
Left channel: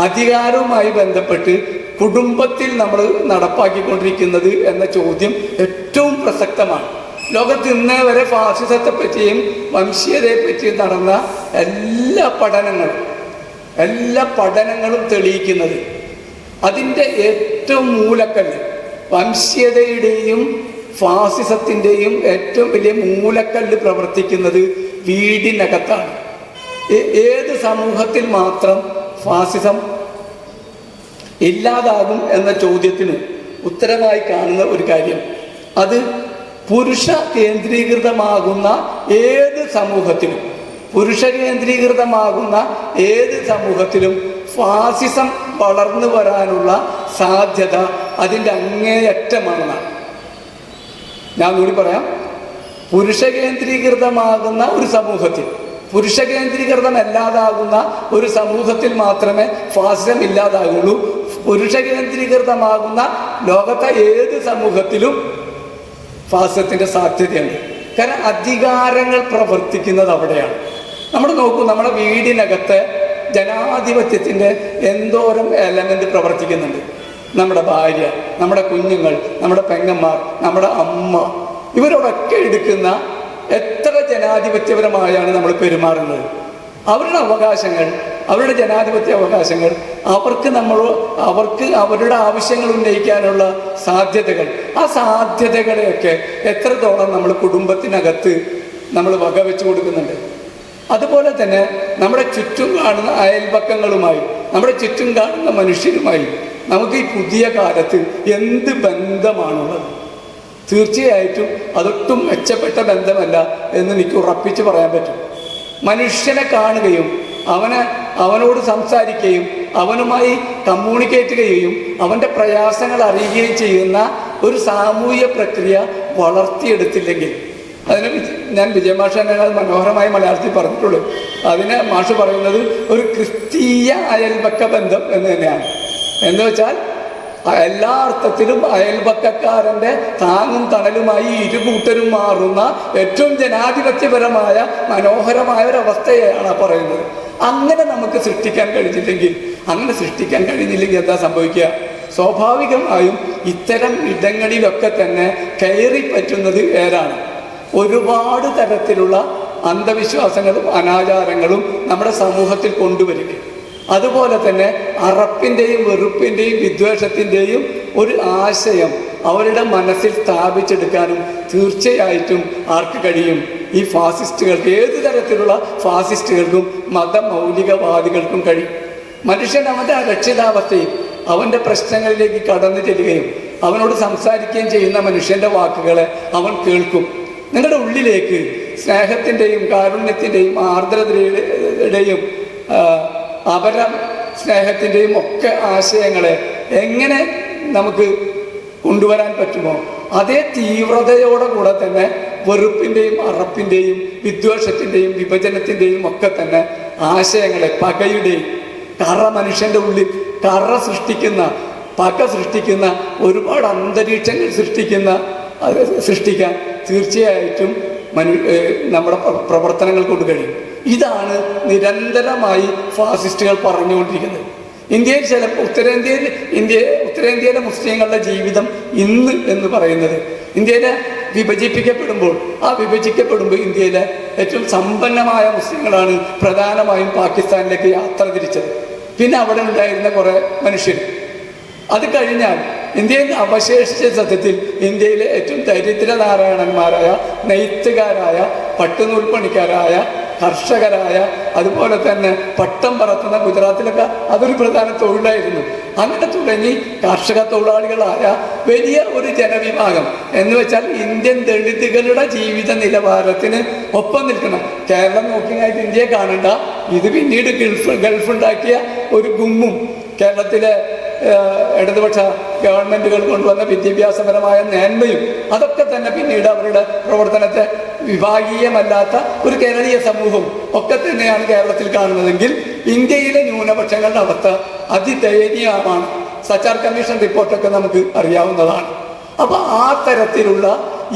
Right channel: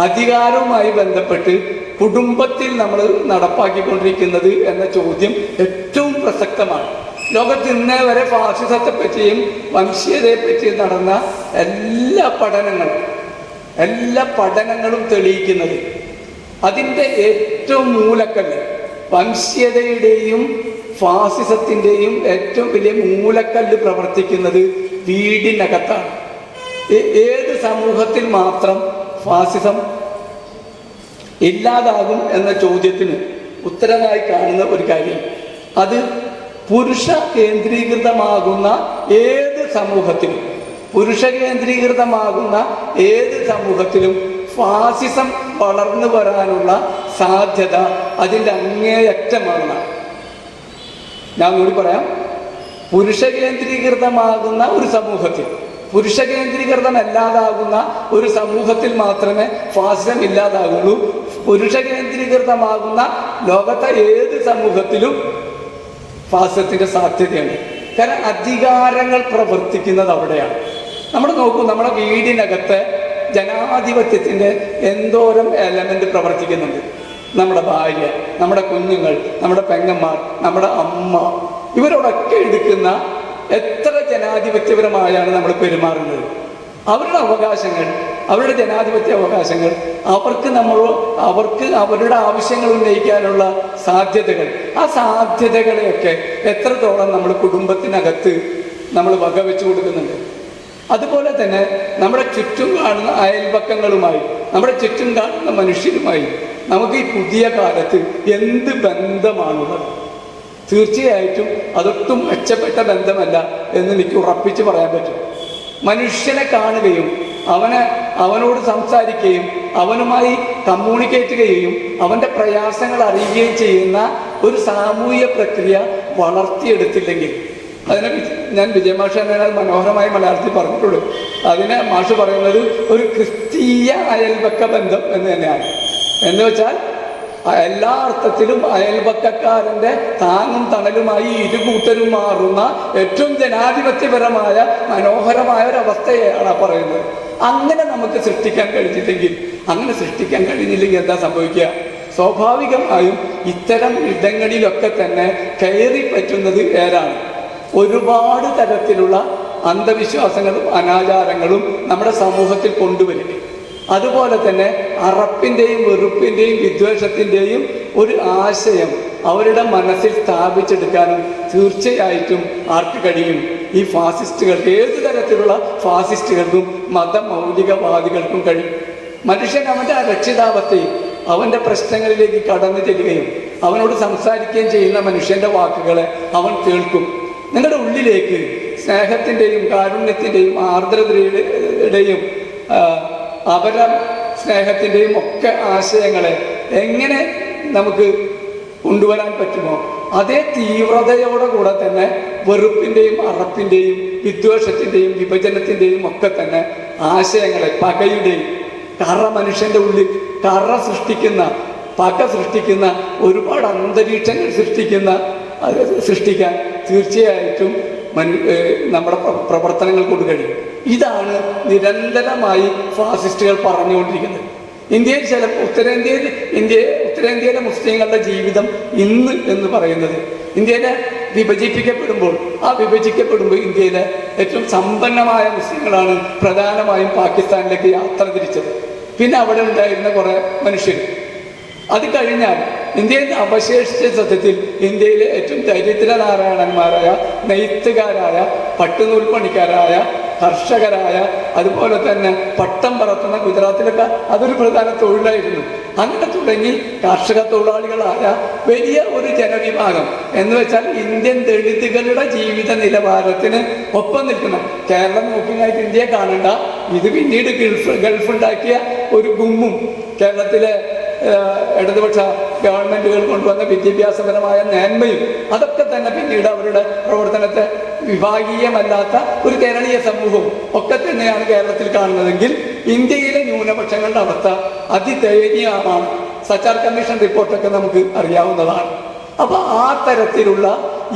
അധികാരവുമായി ബന്ധപ്പെട്ട് കുടുംബത്തിൽ നമ്മൾ നടപ്പാക്കിക്കൊണ്ടിരിക്കുന്നത് എന്ന ചോദ്യം ഏറ്റവും പ്രസക്തമാണ്. ലോകത്ത് ഇന്നേ വരെ ഫാസിസത്തെ പറ്റിയും വംശീയതയെ പറ്റിയും നടന്ന എല്ലാ പഠനങ്ങളും തെളിയിക്കുന്നത് അതിൻ്റെ ഏറ്റവും മൂലക്കല്ല്, വംശീയതയുടെയും ഫാസിസത്തിൻ്റെയും ഏറ്റവും വലിയ മൂലക്കല്ല് പ്രവർത്തിക്കുന്നത് വീടിനകത്താണ്. ഏത് സമൂഹത്തിൽ മാത്രം ഫാസിസം ഇല്ലാതാകും എന്ന ചോദ്യത്തിന് ഉത്തരമായി കാണുന്ന ഒരു കാര്യം, അത് പുരുഷ കേന്ദ്രീകൃതമാകുന്ന ഏത് സമൂഹത്തിലും ഫാസിസം വളർന്നു വരാനുള്ള സാധ്യത അതിൻ്റെ അങ്ങേയറ്റമാണ്. ഞാൻ കൂടി പറയാം, പുരുഷ കേന്ദ്രീകൃതമാകുന്ന ഒരു സമൂഹത്തിൽ, പുരുഷ കേന്ദ്രീകൃതമല്ലാതാകുന്ന ഒരു സമൂഹത്തിൽ മാത്രമേ ഫാസിസം ഇല്ലാതാകുള്ളൂ. പുരുഷ കേന്ദ്രീകൃതമാകുന്ന ലോകത്തെ ഏത് സമൂഹത്തിലും ഫാസിസത്തിന്റെ സാധ്യതയുണ്ട്. കാരണം അധികാരങ്ങൾ പ്രവർത്തിക്കുന്നത് അവിടെയാണ്. നമ്മൾ നോക്കൂ, നമ്മുടെ വീടിനകത്ത് ജനാധിപത്യത്തിന്റെ എന്തോരം എലമെന്റ് പ്രവർത്തിക്കുന്നുണ്ട്. നമ്മുടെ ഭാര്യ, നമ്മുടെ കുഞ്ഞുങ്ങൾ, നമ്മുടെ പെങ്ങന്മാർ, നമ്മുടെ അമ്മ, ഇവരോടൊക്കെ എടുക്കുന്ന എത്ര ജനാധിപത്യപരമായാണ് നമ്മൾ പെരുമാറുന്നത്. അവരുടെ അവകാശങ്ങൾ, അവരുടെ ജനാധിപത്യ അവകാശങ്ങൾ, അവർക്ക് അവരുടെ ആവശ്യങ്ങൾ ഉന്നയിക്കാനുള്ള സാധ്യതകൾ, ആ സാധ്യതകളെയൊക്കെ എത്രത്തോളം നമ്മൾ കുടുംബത്തിനകത്ത് നമ്മൾ വകവെച്ചു കൊടുക്കുന്നുണ്ട്. അതുപോലെ തന്നെ നമ്മുടെ ചുറ്റും കാണുന്ന അയൽപക്കങ്ങളുമായി, നമ്മുടെ ചുറ്റും കാണുന്ന മനുഷ്യരുമായി നമുക്ക് ഈ പുതിയ കാലത്ത് എന്ത് ബന്ധമാണുള്ളത്? തീർച്ചയായിട്ടും അതൊട്ടും മെച്ചപ്പെട്ട ബന്ധമല്ല എന്ന് എനിക്ക് ഉറപ്പിച്ച് പറയാൻ പറ്റും. മനുഷ്യനെ കാണുകയും അവനോട് സംസാരിക്കുകയും അവനുമായി കമ്മ്യൂണിക്കേറ്റ് ചെയ്യുകയും അവൻ്റെ പ്രയാസങ്ങൾ അറിയുകയും ചെയ്യുന്ന ഒരു സാമൂഹ്യ പ്രക്രിയ വളർത്തിയെടുത്തില്ലെങ്കിൽ, അതിനെ ഞാൻ വിജയമാഷ മനോഹരമായി മലയാളത്തിൽ പറഞ്ഞിട്ടുള്ളൂ. അതിനെ മാഷ് പറയുന്നത് ഒരു ക്രിസ്തീയ അയൽപക്ക ബന്ധം എന്ന് തന്നെയാണ്. എന്ന് വെച്ചാൽ എല്ലാ അർത്ഥത്തിലും അയൽപക്കക്കാരൻ്റെ താങ്ങും തണലുമായി ഇരുകൂട്ടരും മാറുന്ന ഏറ്റവും ജനാധിപത്യപരമായ മനോഹരമായ ഒരവസ്ഥയാണ് പറയുന്നത്. അങ്ങനെ നമുക്ക് സൃഷ്ടിക്കാൻ കഴിഞ്ഞില്ലെങ്കിൽ എന്താ സംഭവിക്കുക? സ്വാഭാവികമായും ഇത്തരം ഇടങ്ങളിലൊക്കെ തന്നെ കയറി പറ്റുന്നത് ഏതാണ്? ഒരുപാട് തരത്തിലുള്ള അന്ധവിശ്വാസങ്ങളും അനാചാരങ്ങളും നമ്മുടെ സമൂഹത്തിൽ കൊണ്ടുവരിക. അതുപോലെ തന്നെ അറപ്പിൻ്റെയും വെറുപ്പിൻ്റെയും വിദ്വേഷത്തിൻ്റെയും ഒരു ആശയം അവരുടെ മനസ്സിൽ സ്ഥാപിച്ചെടുക്കാനും തീർച്ചയായിട്ടും ആർക്ക് കഴിയും? ഈ ഫാസിസ്റ്റുകൾക്ക്, ഏത് തരത്തിലുള്ള ഫാസിസ്റ്റുകൾക്കും മതമൗലികവാദികൾക്കും കഴിയും. മനുഷ്യൻ അവൻ്റെ അരക്ഷിതാവസ്ഥയും അവൻ്റെ പ്രശ്നങ്ങളിലേക്ക് കടന്നു ചെല്ലുകയും അവനോട് സംസാരിക്കുകയും ചെയ്യുന്ന മനുഷ്യൻ്റെ വാക്കുകളെ അവൻ കേൾക്കും. നിങ്ങളുടെ ഉള്ളിലേക്ക് സ്നേഹത്തിൻ്റെയും കാരുണ്യത്തിൻ്റെയും ആർദ്രതയുടെയും അപര സ്നേഹത്തിൻ്റെയും ഒക്കെ ആശയങ്ങളെ എങ്ങനെ നമുക്ക് കൊണ്ടുവരാൻ പറ്റുമോ അതേ തീവ്രതയോടെ കൂടെ തന്നെ വെറുപ്പിൻ്റെയും അറപ്പിൻ്റെയും വിദ്വേഷത്തിൻ്റെയും വിഭജനത്തിൻ്റെയും ഒക്കെ തന്നെ ആശയങ്ങളെ, പകയുടെയും മനുഷ്യൻ്റെ ഉള്ളിൽ പക സൃഷ്ടിക്കുന്ന ഒരുപാട് അന്തരീക്ഷങ്ങൾ സൃഷ്ടിക്കാൻ തീർച്ചയായിട്ടും നമ്മുടെ പ്രവർത്തനങ്ങൾ കൊണ്ട് കഴിയും. ഇതാണ് നിരന്തരമായി ഫാസിസ്റ്റുകൾ പറഞ്ഞുകൊണ്ടിരിക്കുന്നത്. ഇന്ത്യയിൽ ഉത്തരേന്ത്യയിലെ മുസ്ലിങ്ങളുടെ ജീവിതം ഇന്ന് എന്ന് പറയുന്നത്, ഇന്ത്യയിലെ വിഭജിക്കപ്പെടുമ്പോൾ ഇന്ത്യയിലെ ഏറ്റവും സമ്പന്നമായ മുസ്ലിങ്ങളാണ് പ്രധാനമായും പാകിസ്ഥാനിലേക്ക് യാത്ര തിരിച്ചത്. പിന്നെ അവിടെ ഉണ്ടായിരുന്ന കുറേ മനുഷ്യർ, അത് കഴിഞ്ഞാൽ ഇന്ത്യയിൽ അവശേഷിച്ച സത്യത്തിൽ ഇന്ത്യയിലെ ഏറ്റവും ദരിദ്രനാരായണന്മാരായ നെയ്ത്തുകാരായ പട്ടുനൂൽപ്പണിക്കാരായ കർഷകരായ അതുപോലെ തന്നെ പട്ടം പറത്തുന്ന ഗുജറാത്തിലൊക്കെ അതൊരു പ്രധാന തൊഴിലായിരുന്നു. അങ്ങനെ തുടങ്ങി കാർഷിക തൊഴിലാളികളായ വലിയ ഒരു ജനവിഭാഗം എന്ന് വെച്ചാൽ ഇന്ത്യൻ ദളിതുകളുടെ ജീവിത നിലവാരത്തിന് ഒപ്പം നിൽക്കണം. കേരളം നോക്കിയായിട്ട് ഇന്ത്യയെ കാണണ്ട. ഇത് പിന്നീട് ഗൾഫുണ്ടാക്കിയ ഒരു ഗുമ്മും കേരളത്തിലെ ഇടതുപക്ഷ ഗവൺമെന്റുകൾ കൊണ്ടുവന്ന വിദ്യാഭ്യാസപരമായ മേന്മയും അതൊക്കെ തന്നെ പിന്നീട് അവരുടെ പ്രവർത്തനത്തെ വിഭാഗീയമല്ലാത്ത ഒരു കേരളീയ സമൂഹം ഒക്കെ തന്നെയാണ് കേരളത്തിൽ കാണുന്നതെങ്കിൽ ഇന്ത്യയിലെ ന്യൂനപക്ഷങ്ങളുടെ അവസ്ഥ അതിദയനീയമാണ്. സച്ചാർ കമ്മീഷൻ റിപ്പോർട്ടൊക്കെ നമുക്ക് അറിയാവുന്നതാണ്. അപ്പൊ ആ തരത്തിലുള്ള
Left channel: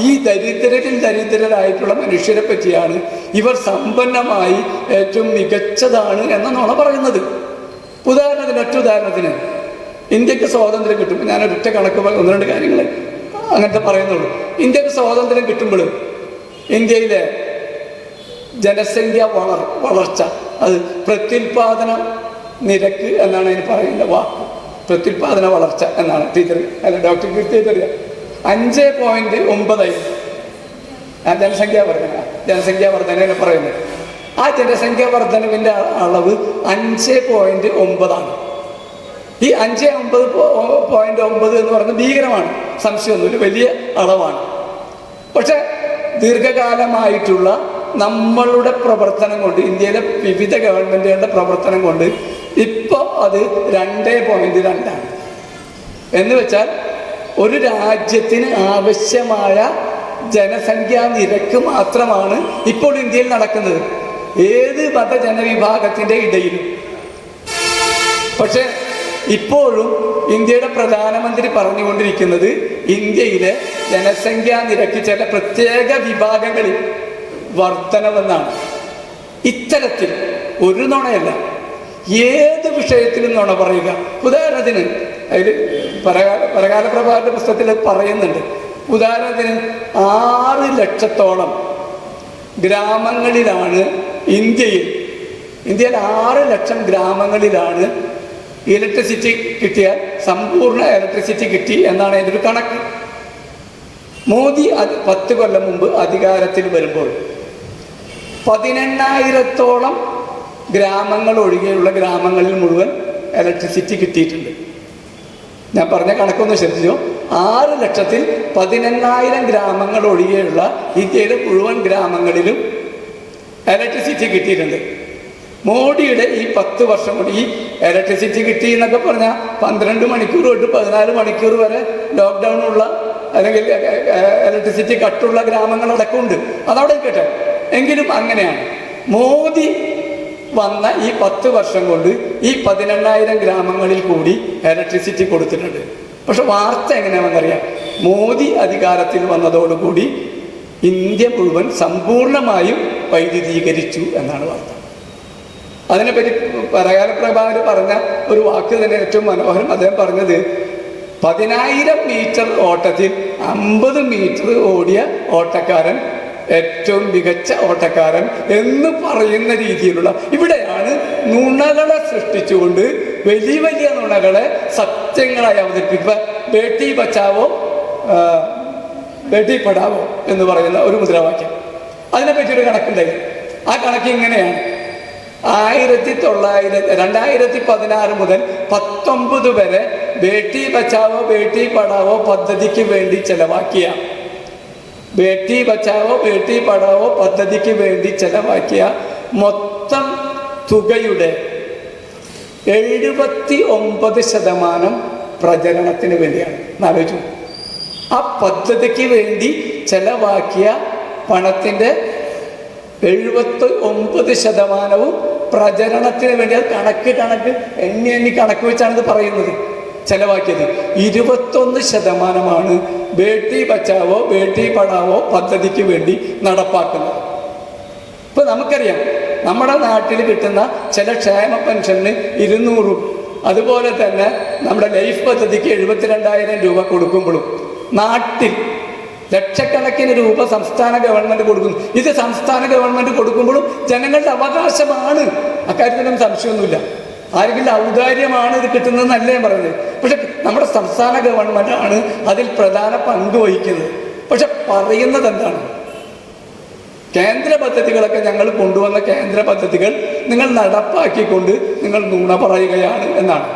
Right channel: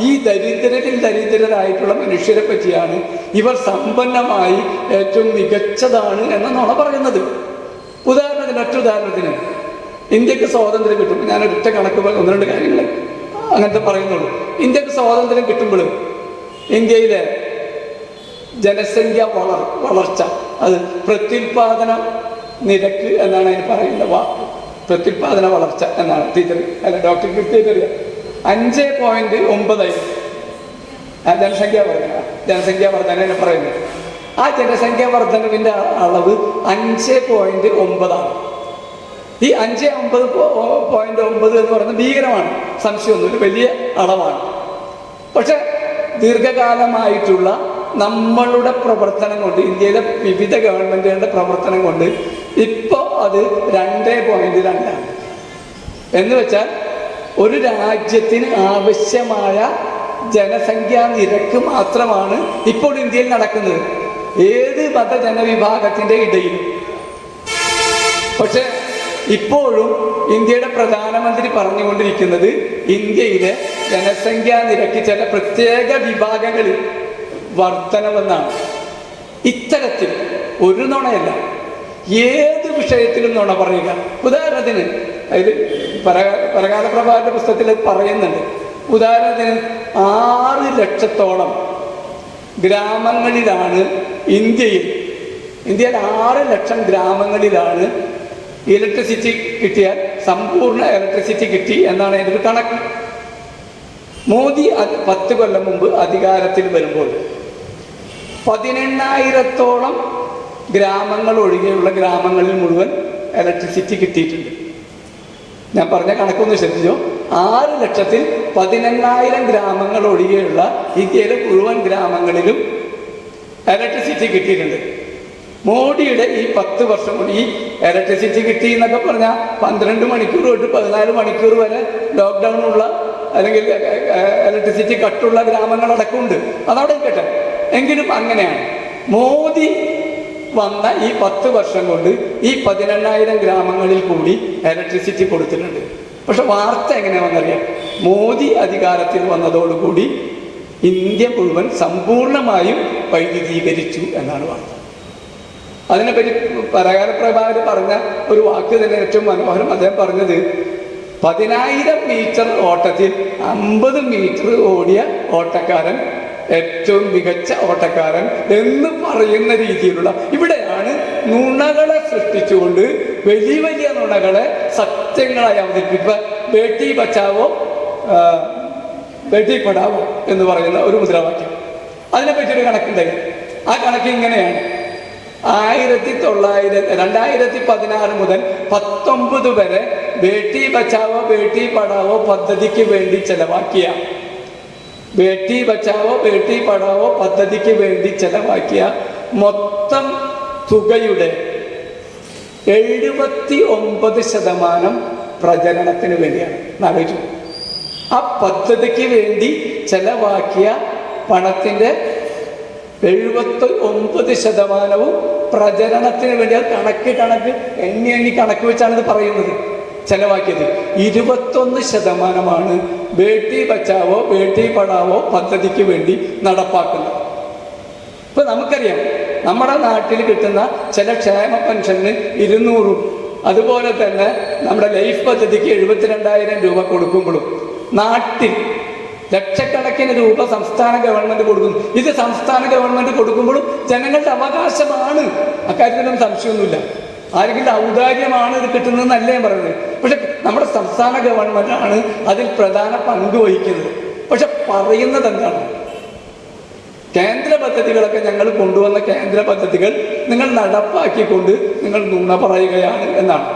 ഈ ദരിദ്രരിൽ ദരിദ്രരായിട്ടുള്ള മനുഷ്യരെ പറ്റിയാണ് ഇവർ സമ്പന്നമായി ഏറ്റവും മികച്ചതാണ് എന്നാണ് പറയുന്നത്. ഉദാഹരണത്തിന് ഇന്ത്യക്ക് സ്വാതന്ത്ര്യം കിട്ടും. ഞാനൊരൊറ്റ കണക്ക് ഒന്ന് രണ്ട് കാര്യങ്ങൾ അങ്ങനത്തെ പറയുന്നുള്ളൂ. ഇന്ത്യക്ക് സ്വാതന്ത്ര്യം കിട്ടുമ്പോൾ ഇന്ത്യയിലെ ജനസംഖ്യ വളർച്ച, അത് പ്രത്യുൽപാദന നിരക്ക് എന്നാണ് അതിന് പറയുന്ന വാക്ക്. പ്രത്യുൽപാദന വളർച്ച എന്നാണ് ടീച്ചർ അല്ല ഡോക്ടർ ടീച്ചർ 5.9 ജനസംഖ്യാ വർധന പറയുന്നത്. ആ ജനസംഖ്യാ വർധനവിൻ്റെ അളവ് 5.9 ഈ 5.9 എന്ന് പറയുന്നത് ഭീകരമാണ്, സംശയമൊന്നുമില്ല, വലിയ അളവാണ്. പക്ഷെ ദീർഘകാലമായിട്ടുള്ള നമ്മളുടെ പ്രവർത്തനം കൊണ്ട്, ഇന്ത്യയിലെ വിവിധ ഗവൺമെന്റുകളുടെ പ്രവർത്തനം കൊണ്ട് ഇപ്പോൾ അത് 2.2 എന്ന് വെച്ചാൽ ഒരു രാജ്യത്തിന് ആവശ്യമായ ജനസംഖ്യാ നിരക്ക് മാത്രമാണ് ഇപ്പോൾ ഇന്ത്യയിൽ നടക്കുന്നത്, ഏത് മതജനവിഭാഗത്തിന്റെ ഇടയിലും. പക്ഷെ ഇപ്പോഴും ഇന്ത്യയുടെ പ്രധാനമന്ത്രി പറഞ്ഞുകൊണ്ടിരിക്കുന്നത് ഇന്ത്യയിലെ ജനസംഖ്യാ നിരക്ക് ചില പ്രത്യേക വിഭാഗങ്ങളിൽ വർധനമെന്നാണ്. ഇത്തരത്തിൽ ഒരു നുണയല്ല, ഏത് വിഷയത്തിലും നുണ പറയുക. ഉദാഹരണത്തിന് അതിൽ പരകാല പ്രഭാകരന്റെ പുസ്തകത്തിൽ പറയുന്നുണ്ട്. ഉദാഹരണത്തിന് 6 ലക്ഷത്തോളം ഗ്രാമങ്ങളിലാണ് ഇന്ത്യയിൽ 6 ലക്ഷം ഗ്രാമങ്ങളിലാണ് ഇലക്ട്രിസിറ്റി കിട്ടിയാൽ സമ്പൂർണ്ണ ഇലക്ട്രിസിറ്റി കിട്ടി എന്നാണ് എൻ്റെ ഒരു കണക്ക്. മോദി 10 കൊല്ലം മുമ്പ് അധികാരത്തിൽ വരുമ്പോൾ 18,000-ഓളം ഗ്രാമങ്ങൾ ഒഴികെയുള്ള ഗ്രാമങ്ങളിൽ മുഴുവൻ ഇലക്ട്രിസിറ്റി കിട്ടിയിട്ടുണ്ട്. ഞാൻ പറഞ്ഞ കണക്കൊന്ന് ശ്രദ്ധിച്ചു. 6 ലക്ഷത്തിൽ 18,000 ഗ്രാമങ്ങൾ ഒഴികെയുള്ള ഇന്ത്യയിലെ മുഴുവൻ ഗ്രാമങ്ങളിലും ഇലക്ട്രിസിറ്റി കിട്ടിയിട്ടുണ്ട്. മോഡിയുടെ ഈ 10 വർഷം കൊണ്ട് ഈ ഇലക്ട്രിസിറ്റി കിട്ടി എന്നൊക്കെ പറഞ്ഞാൽ 12 മണിക്കൂർ തൊട്ട് 14 മണിക്കൂർ വരെ ലോക്ക്ഡൗണുള്ള അല്ലെങ്കിൽ ഇലക്ട്രിസിറ്റി കട്ടുള്ള ഗ്രാമങ്ങളടക്കം ഉണ്ട്. അതവിടെ കേട്ടെ. എങ്കിലും അങ്ങനെയാണ്. മോദി വന്ന ഈ 10 വർഷം കൊണ്ട് ഈ 18,000 ഗ്രാമങ്ങളിൽ കൂടി ഇലക്ട്രിസിറ്റി കൊടുത്തിട്ടുണ്ട്. പക്ഷെ വാർത്ത എങ്ങനെയാണെന്നറിയാം. മോദി അധികാരത്തിൽ വന്നതോടുകൂടി ഇന്ത്യ മുഴുവൻ സമ്പൂർണമായും വൈദ്യുതീകരിച്ചു എന്നാണ് വാർത്ത. അതിനെപ്പറ്റി പരകാല പ്രഭാകർ പറഞ്ഞ ഒരു വാക്ക് തന്നെ ഏറ്റവും മനോഹരം. അദ്ദേഹം പറഞ്ഞത് 10,000 മീറ്റർ ഓട്ടത്തിൽ 50 മീറ്റർ ഓടിയ ഓട്ടക്കാരൻ ഏറ്റവും മികച്ച ഓട്ടക്കാരൻ എന്ന് പറയുന്ന രീതിയിലുള്ള, ഇവിടെയാണ് നുണകളെ സൃഷ്ടിച്ചുകൊണ്ട് വലിയ വലിയ നുണകളെ സത്യങ്ങളായി അവതരിപ്പിക്കുക. ബേട്ടി ബച്ചാവോ ബേട്ടി പഠാവോ എന്ന് പറയുന്ന ഒരു മുദ്രാവാക്യം, അതിനെപ്പറ്റിയൊരു കണക്കുണ്ടായി. ആ കണക്ക് ഇങ്ങനെയാണ്: 2016 മുതൽ 19 വരെ ബേട്ടി ബച്ചാവോ ബേട്ടി പഠാവോ പദ്ധതിക്ക് വേണ്ടി ചെലവാക്കിയ ബേട്ടി ബച്ചാവോ ബേട്ടി പഠാവോ പദ്ധതിക്ക് വേണ്ടി ചെലവാക്കിയ മൊത്തം തുകയുടെ 79% പ്രചരണത്തിന് വേണ്ടിയാണ്. ആലോചിച്ചു. ആ പദ്ധതിക്ക് വേണ്ടി ചെലവാക്കിയ പണത്തിൻ്റെ 79% പ്രചരണത്തിന് വേണ്ടി. കണക്ക് എണ്ണി കണക്ക് വെച്ചാണ് ഇത് പറയുന്നത്. ചെലവാക്കിയത് 21% ബേട്ടി ബച്ചാവോ ബേട്ടി പഠാവോ പദ്ധതിക്ക് വേണ്ടി നടപ്പാക്കുന്നത്. ഇപ്പൊ നമുക്കറിയാം, നമ്മുടെ നാട്ടിൽ കിട്ടുന്ന ചില ക്ഷേമ പെൻഷന് 200, അതുപോലെ തന്നെ നമ്മുടെ ലൈഫ് പദ്ധതിക്ക് 72,000 രൂപ കൊടുക്കുമ്പോഴും നാട്ടിൽ ലക്ഷക്കണക്കിന് രൂപ സംസ്ഥാന ഗവൺമെന്റ് കൊടുക്കുന്നു. ഇത് സംസ്ഥാന ഗവൺമെന്റ് കൊടുക്കുമ്പോഴും ജനങ്ങളുടെ അവകാശമാണ്, അക്കാര്യത്തിനും സംശയമൊന്നുമില്ല. ആരെങ്കിലും ഔദാര്യമാണ് ഇത് കിട്ടുന്നതെന്നല്ല ഞാൻ പറയുന്നത്. പക്ഷെ നമ്മുടെ സംസ്ഥാന ഗവൺമെന്റാണ് അതിൽ പ്രധാന പങ്ക് വഹിക്കുന്നത്. പക്ഷെ പറയുന്നത് എന്താണ്? കേന്ദ്ര പദ്ധതികളൊക്കെ ഞങ്ങൾ കൊണ്ടുവന്ന കേന്ദ്ര പദ്ധതികൾ നിങ്ങൾ നടപ്പാക്കിക്കൊണ്ട് നിങ്ങൾ നുണ പറയുകയാണ് എന്നാണ്.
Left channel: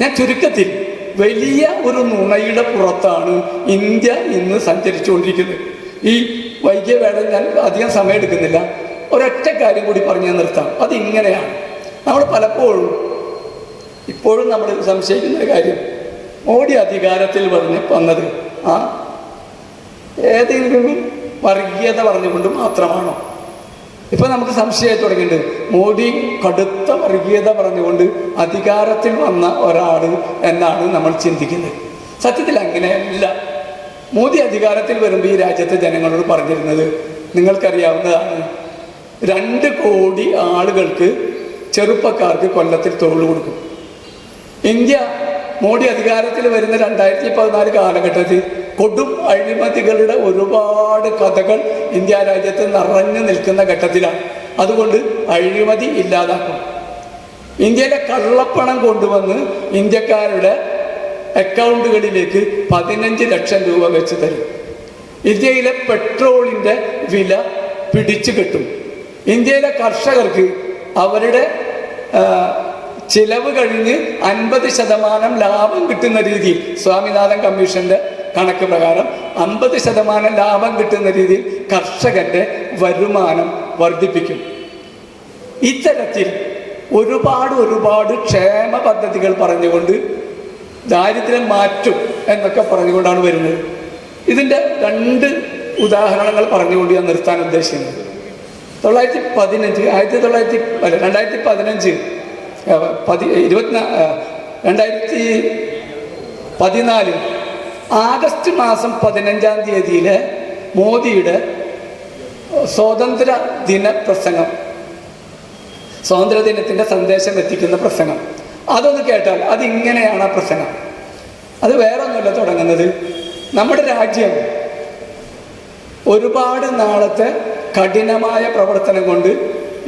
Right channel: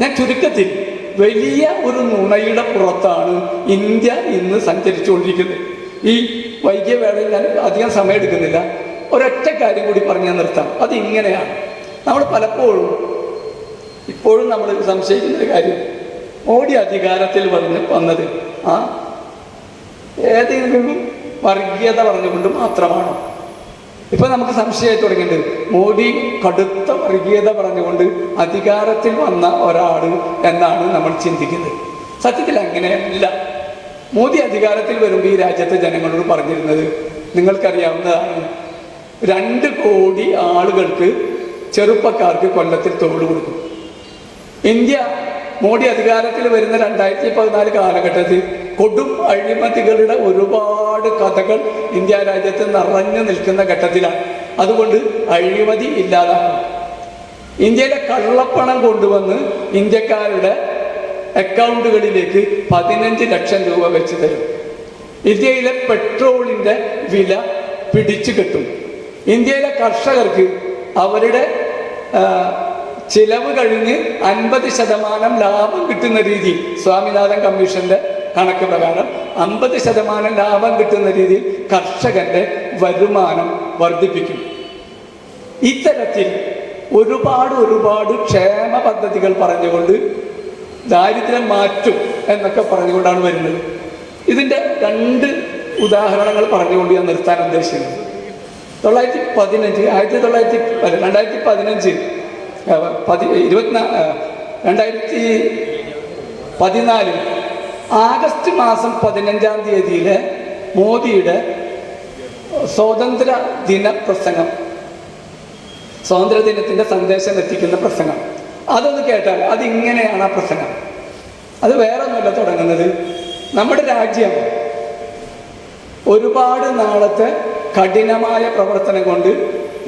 ഞാൻ ചുരുക്കത്തിൽ വലിയ ഒരു നുണയുടെ പുറത്താണ് ഇന്ത്യ ഇന്ന് സഞ്ചരിച്ചുകൊണ്ടിരിക്കുന്നത്. ഈ വൈകിയ വേളയിൽ ഞാൻ അധികം സമയം എടുക്കുന്നില്ല. ഒരൊറ്റ കാര്യം കൂടി പറഞ്ഞ് ഞാൻ നിർത്താം. അത് ഇങ്ങനെയാണ്. നമ്മൾ പലപ്പോഴും ഇപ്പോഴും നമ്മൾ സംശയിക്കുന്ന കാര്യം, മോഡി അധികാരത്തിൽ വന്നത് ഏതെങ്കിലും വർഗീയത പറഞ്ഞുകൊണ്ട് മാത്രമാണോ? ഇപ്പൊ നമുക്ക് സംശയമായി തുടങ്ങിയിട്ടുണ്ട്. മോഡി കടുത്ത വർഗീയത പറഞ്ഞുകൊണ്ട് അധികാരത്തിൽ വന്ന ഒരാൾ എന്നാണ് നമ്മൾ ചിന്തിക്കുന്നത്. സത്യത്തിൽ അങ്ങനെയല്ല. മോദി അധികാരത്തിൽ വരുമ്പോൾ ഈ രാജ്യത്തെ ജനങ്ങളോട് പറഞ്ഞിരുന്നത് നിങ്ങൾക്കറിയാവുന്നതാണ്. 2 കോടി ആളുകൾക്ക്, ചെറുപ്പക്കാർക്ക് കൊല്ലത്തിൽ തൊഴിൽ കൊടുക്കും. ഇന്ത്യ മോഡി അധികാരത്തിൽ വരുന്ന 2014 കാലഘട്ടത്തിൽ കൊടും അഴിമതികളുടെ ഒരുപാട് കഥകൾ ഇന്ത്യ രാജ്യത്ത് നിറഞ്ഞു നിൽക്കുന്ന ഘട്ടത്തിലാണ്. അതുകൊണ്ട് അഴിമതി ഇല്ലാതാക്കണം. ഇന്ത്യയിലെ കള്ളപ്പണം കൊണ്ടുവന്ന് ഇന്ത്യക്കാരുടെ അക്കൗണ്ടുകളിലേക്ക് 15 ലക്ഷം രൂപ വെച്ച് തരും. ഇന്ത്യയിലെ പെട്രോളിന്റെ വില പിടിച്ചു കെട്ടും. ഇന്ത്യയിലെ കർഷകർക്ക് അവരുടെ ചിലവ് കഴിഞ്ഞ് 50% ലാഭം കിട്ടുന്ന രീതിയിൽ, സ്വാമിനാഥൻ കമ്മീഷന്റെ കണക്ക് പ്രകാരം 50% ലാഭം കിട്ടുന്ന രീതിയിൽ കർഷകന്റെ വരുമാനം വർദ്ധിപ്പിക്കും. ഇത്തരത്തിൽ ഒരുപാട് ക്ഷേമ പദ്ധതികൾ പറഞ്ഞുകൊണ്ട് ദാരിദ്ര്യം മാറ്റും എന്നൊക്കെ പറഞ്ഞുകൊണ്ടാണ് വരുന്നത്. ഇതിൻ്റെ 2 ഉദാഹരണങ്ങൾ പറഞ്ഞുകൊണ്ട് ഞാൻ നിർത്താൻ ഉദ്ദേശിക്കുന്നത്. 2014 ആഗസ്റ്റ് മാസം 15-ാം തീയതിയിലെ മോദിയുടെ സ്വാതന്ത്ര്യ ദിന പ്രസംഗം, സ്വാതന്ത്ര്യദിനത്തിന്റെ സന്ദേശം എത്തിക്കുന്ന പ്രസംഗം, അതൊന്ന് കേട്ടാൽ അത് ഇങ്ങനെയാണ് ആ പ്രസംഗം. അത് വേറെ ഒന്നുമല്ല തുടങ്ങുന്നത്. നമ്മുടെ രാജ്യം ഒരുപാട് നാളത്തെ കഠിനമായ പ്രവർത്തനം കൊണ്ട്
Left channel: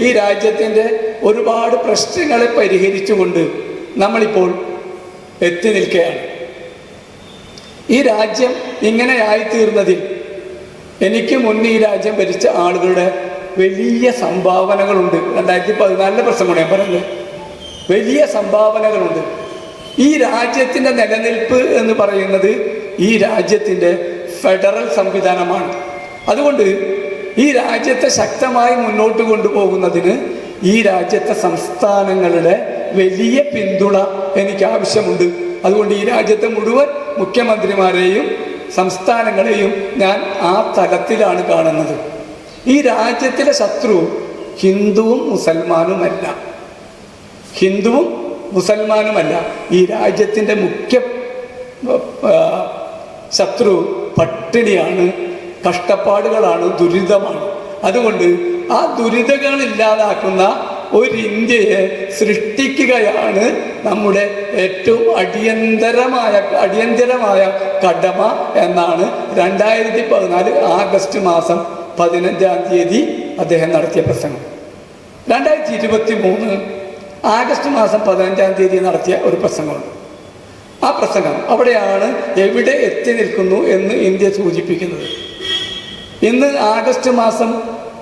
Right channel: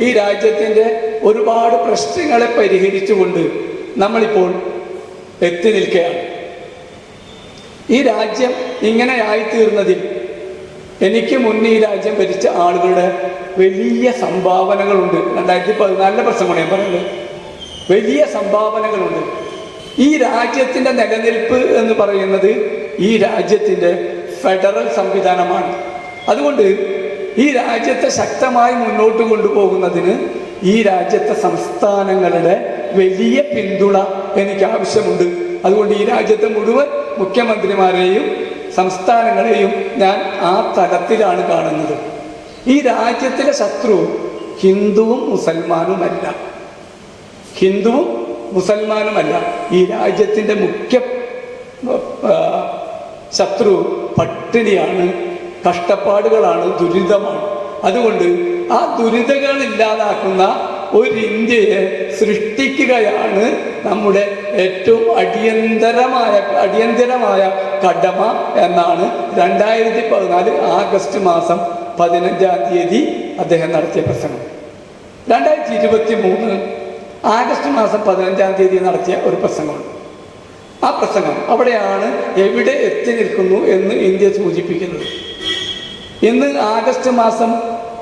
ഈ രാജ്യത്തിൻ്റെ ഒരുപാട് പ്രശ്നങ്ങളെ പരിഹരിച്ചുകൊണ്ട് നമ്മളിപ്പോൾ എത്തി നിൽക്കുകയാണ്. ഈ രാജ്യം ഇങ്ങനെ ആയിത്തീർന്നതിൽ എനിക്ക് മുന്നേ ഈ രാജ്യം ഭരിച്ച ആളുകളുടെ വലിയ സംഭാവനകളുണ്ട്. 2014 പ്രസംഗമാണ് ഞാൻ പറയുന്നത്. വലിയ സംഭാവനകളുണ്ട്. ഈ രാജ്യത്തിൻ്റെ നിലനിൽപ്പ് എന്ന് പറയുന്നത് ഈ രാജ്യത്തിൻ്റെ ഫെഡറൽ സംവിധാനമാണ്. അതുകൊണ്ട് ഈ രാജ്യത്തെ ശക്തമായി മുന്നോട്ട് കൊണ്ടുപോകുന്നതിന് ഈ രാജ്യത്തെ സംസ്ഥാനങ്ങളുടെ വലിയ പിന്തുണ എനിക്ക് ആവശ്യമുണ്ട്. അതുകൊണ്ട് ഈ രാജ്യത്തെ മുഴുവൻ മുഖ്യമന്ത്രിമാരെയും സംസ്ഥാനങ്ങളെയും ഞാൻ ആ തലത്തിലാണ് കാണുന്നത്. ഈ രാജ്യത്തിലെ ശത്രു ഹിന്ദുവും മുസൽമാനുമല്ല. ഈ രാജ്യത്തിൻ്റെ മുഖ്യ ശത്രു പട്ടിണിയാണ്, കഷ്ടപ്പാടുകളാണ്, ദുരിതമാണ്. അതുകൊണ്ട് ആ ദുരിതങ്ങൾ ഇല്ലാതാക്കുന്ന ഒരു ഇന്ത്യയെ സൃഷ്ടിക്കുകയാണ് നമ്മുടെ ഏറ്റവും അടിയന്തരമായ കടമ എന്നാണ് 2014 ആഗസ്റ്റ് മാസം 15-ാം തീയതി അദ്ദേഹം നടത്തിയ പ്രസംഗം. 2023 ആഗസ്റ്റ് മാസം 15-ാം തീയതി നടത്തിയ ഒരു പ്രസംഗമുണ്ട്. ആ പ്രസംഗം അവിടെയാണ് എവിടെ എത്തി നിൽക്കുന്നു എന്ന് ഇന്ത്യ സൂചിപ്പിക്കുന്നത്. ഇന്ന് ആഗസ്റ്റ് മാസം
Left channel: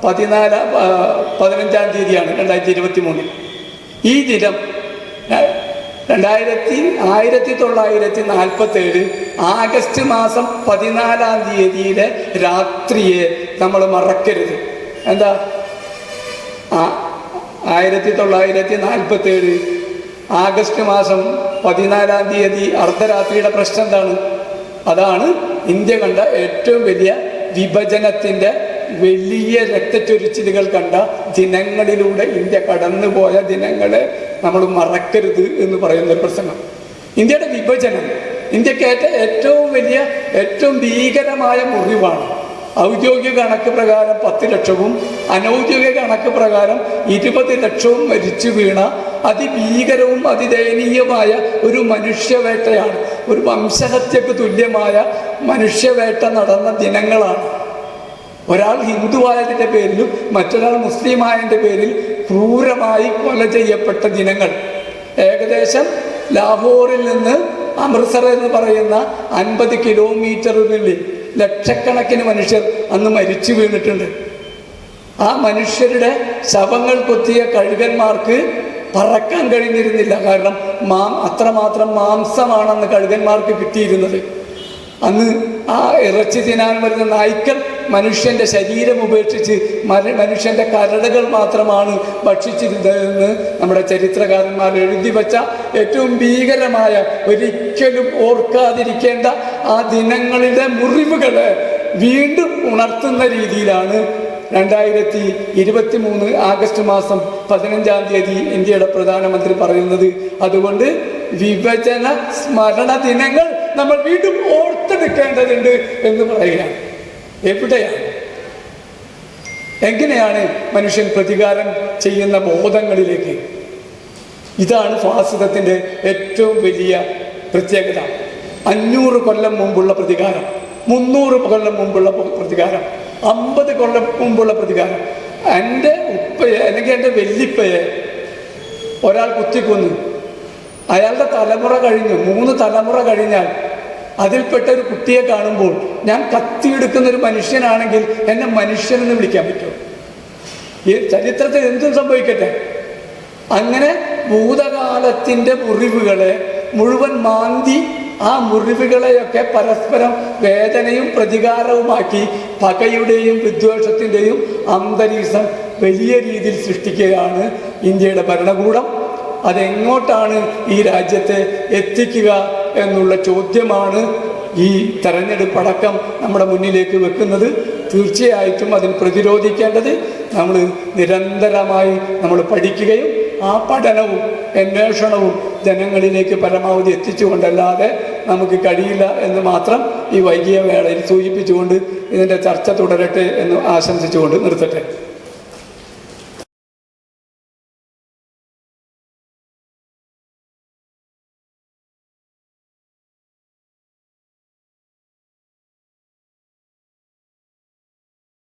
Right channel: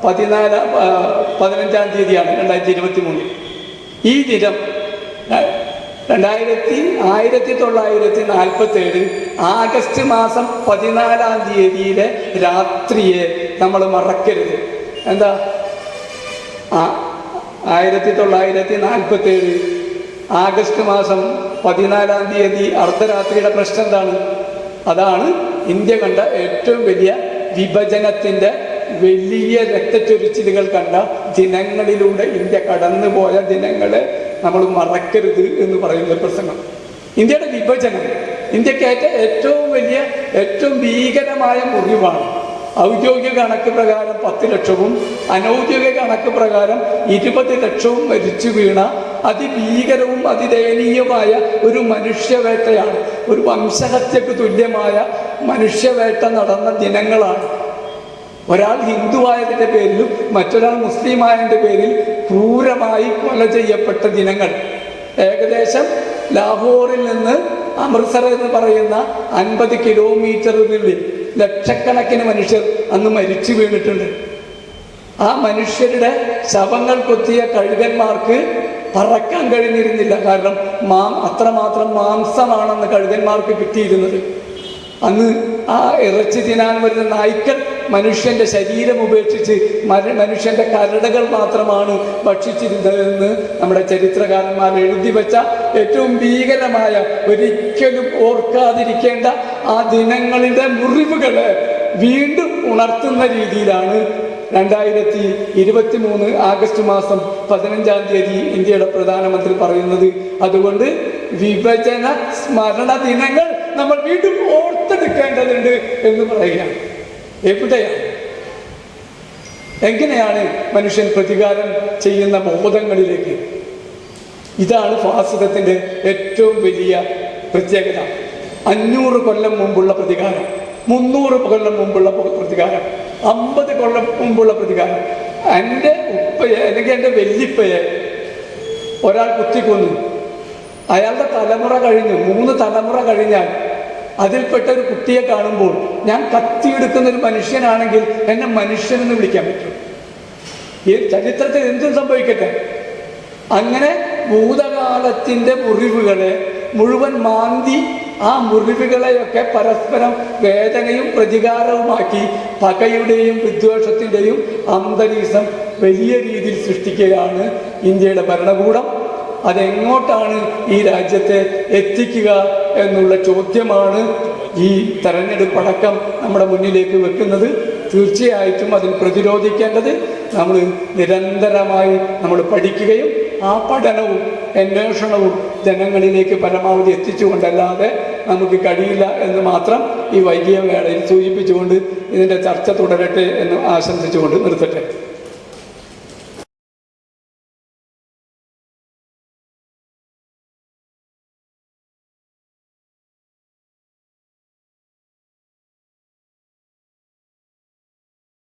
15-ാം തീയതിയാണ് 2023. ഈ ദിനം 1947 ആഗസ്റ്റ് മാസം 14-ാം തീയതിയിലെ രാത്രിയെ നമ്മൾ മറക്കരുത്. എന്താ 1947 ആഗസ്റ്റ് മാസം 14-ാം തീയതി അർദ്ധരാത്രിയുടെ പ്രശ്നം എന്താണ്? അതാണ് ഇന്ത്യ കണ്ട ഏറ്റവും വലിയ വിഭജനത്തിൻ്റെ വലിയ രക്തച്ചൊരിച്ചിലുകൾ കണ്ട ദിനങ്ങളിലൂടെ ഇന്ത്യ കടന്നുപോയ ദിനങ്ങളെ നമ്മൾ മറക്കരുത് എന്ന് പറയുന്ന ഒരു പ്രസംഗം. ഇന്ത്യയുടെ വിഭജനം ഇന്ത്യക്കേറ്റ ഏറ്റവും വലിയ, ഏറ്റവും ഭീകരമായ മുറിവാണ്. ഔദ്യോഗിക കണക്ക് പ്രകാരം 10 ലക്ഷവും അനൗദ്യോഗിക കണക്ക് പ്രകാരം 20 ലക്ഷവും മരിച്ചു വീണ അതിഭീകരവും അതിദയനീയമായ ഒരു മനുഷ്യവേട്ടയാണ്. ഒരു വംശഹത്യക്ക് തുല്യമായ മനുഷ്യവേട്ട നടന്ന ദിനങ്ങളാണ്. ഒരാൾ ഹിന്ദുവായതിൻ്റെ പേരിലും മറ്റൊരാൾ മുസ്ലിമായതിൻ്റെ പേരിൽ ക്രൂരമായി കൊല ചെയ്യപ്പെട്ട ദിനങ്ങൾ. ഏകദേശം ലാഹോറിൽ നിന്ന് അമൃത്സർ എന്ന് പറയുന്ന 50 കിലോമീറ്ററിനുള്ളിൽ ലക്ഷക്കണക്കിന് മനുഷ്യർ അന്ന് മരിച്ചു വീണിട്ടുണ്ട്. ആ മനുഷ്യരുടെ ശവങ്ങൾ കൊത്തിയ കഴുകന്മാർക്ക് പറക്കാൻ കഴിഞ്ഞിരുന്നില്ല. കാരണം അത്രമാത്രം മാംസമാണെന്ന് കഴുകന്മാർക്ക് കിട്ടിയിരുന്നത്. അന്ന് ആ ഇറച്ചി തിന്നാൻ വരുന്ന നായ്ക്കൾ മനുഷ്യന്റെ ശരീരം ഉപേക്ഷിച്ച് മനുഷ്യന്റെ കരടുകൾ മാത്രമാണ് ഭക്ഷിച്ചിരുന്നതെന്ന് നമ്മുടെ ചരിത്രകാരന്മാർ എഴുതി വെച്ച ഏറ്റവും ഭീകരമായ, ഒരിക്കലും ഓർക്കാതിരിക്കേണ്ട ആ ദിനങ്ങളിലെ മുറിവുകള് വീണ്ടും ഉണർത്തുന്ന രീതിയിലാണ് 2023 ആഗസ്റ്റ് മാസം 15-ാം തീയതി ഇന്ത്യയുടെ പ്രധാനമന്ത്രി പറയുന്നത്. അതുകൊണ്ട് വിഭജന സ്മരണ ദിനങ്ങൾ നമ്മൾ വീണ്ടും ഓർത്തെടുക്കേണ്ടതുണ്ട് എന്ന് പറയുകയാണ്. എവിടെയാണ്, എങ്ങനെയാണ് മനുഷ്യൻ പ്രതികാരം ചെയ്യുന്ന ബോധങ്ങളിലേക്ക്? ഇതാണ് ഫാസിസത്തിന്റെ ഏറ്റവും വലിയ പ്രത്യേകത. 500 കൊല്ലം മുമ്പുള്ള പ്രതികാരം, 300 കൊല്ലം മുമ്പുള്ള പ്രതികാരം, 50 കൊല്ലം മുമ്പുള്ള പ്രതികാരം. എൻ്റെ ഉപ്പയെ അല്ലെങ്കിൽ എൻ്റെ വല്യപ്പയെ ഒരാൾ കുത്തിക്കൊന്നു, അയാളുടെ തലമുറ കഴിഞ്ഞു, 3 തലമുറ കഴിഞ്ഞാൽ അതിൽപ്പെട്ട ഒരു കുട്ടിയെ കാണുമ്പോൾ ഞാൻ കത്തിയെടുക്കുന്ന ഒരു മനുഷ്യനാണെങ്കിൽ എന്നെ മനുഷ്യനെന്ന് വിളിക്കാൻ പറ്റും. ഈ ചരിത്രത്തിൽ എന്തും സംഭവിക്കട്ടെ. അങ്ങനെ ഭൂതകാലത്തിൻ്റെ മുറിവുകളെ മുഴുവൻ മാന്തി ആ മുറിവുകളെയൊക്കെ പരസ്പരം വേദനയും പ്രതികാരവുമാക്കി പകയുടെയും വിദ്വേഷത്തിൻ്റെയും അന്തരീക്ഷം വലിയ രീതിയിൽ സൃഷ്ടിക്കുകയാണ് ഇന്ത്യയുടെ ഭരണകൂടം. അതെങ്ങോട്ടാണ് ഈ രാജ്യത്തെ എത്തിക്കുക എന്നുള്ള ചോദ്യമാണ് ഈ തെരഞ്ഞെടുപ്പടക്കം നമ്മുടെ മുന്നിലേക്ക് വെക്കുന്നത്. തീർച്ചയായിട്ടും അതിൽ പ്രതിരോധിക്കേണ്ടത് നമ്മൾ നിരന്തരമായി നമ്മൾ പഠിക്കുകയും ആ പഠനവും അന്വേഷണവും ജനങ്ങളിലേക്ക് പരമാവധി എത്തിച്ചുകൊണ്ടല്ലാതെ നമുക്ക് കഴിയില്ല എന്ന് മാത്രം ഈ വൈകിയ വേളയിൽ സൂചിപ്പിച്ചുകൊണ്ട് ഇതിൻ്റെ ചർച്ച തുടരട്ടെ എന്ന് ആശംസിച്ചുകൊണ്ട് നിർത്തട്ടെ.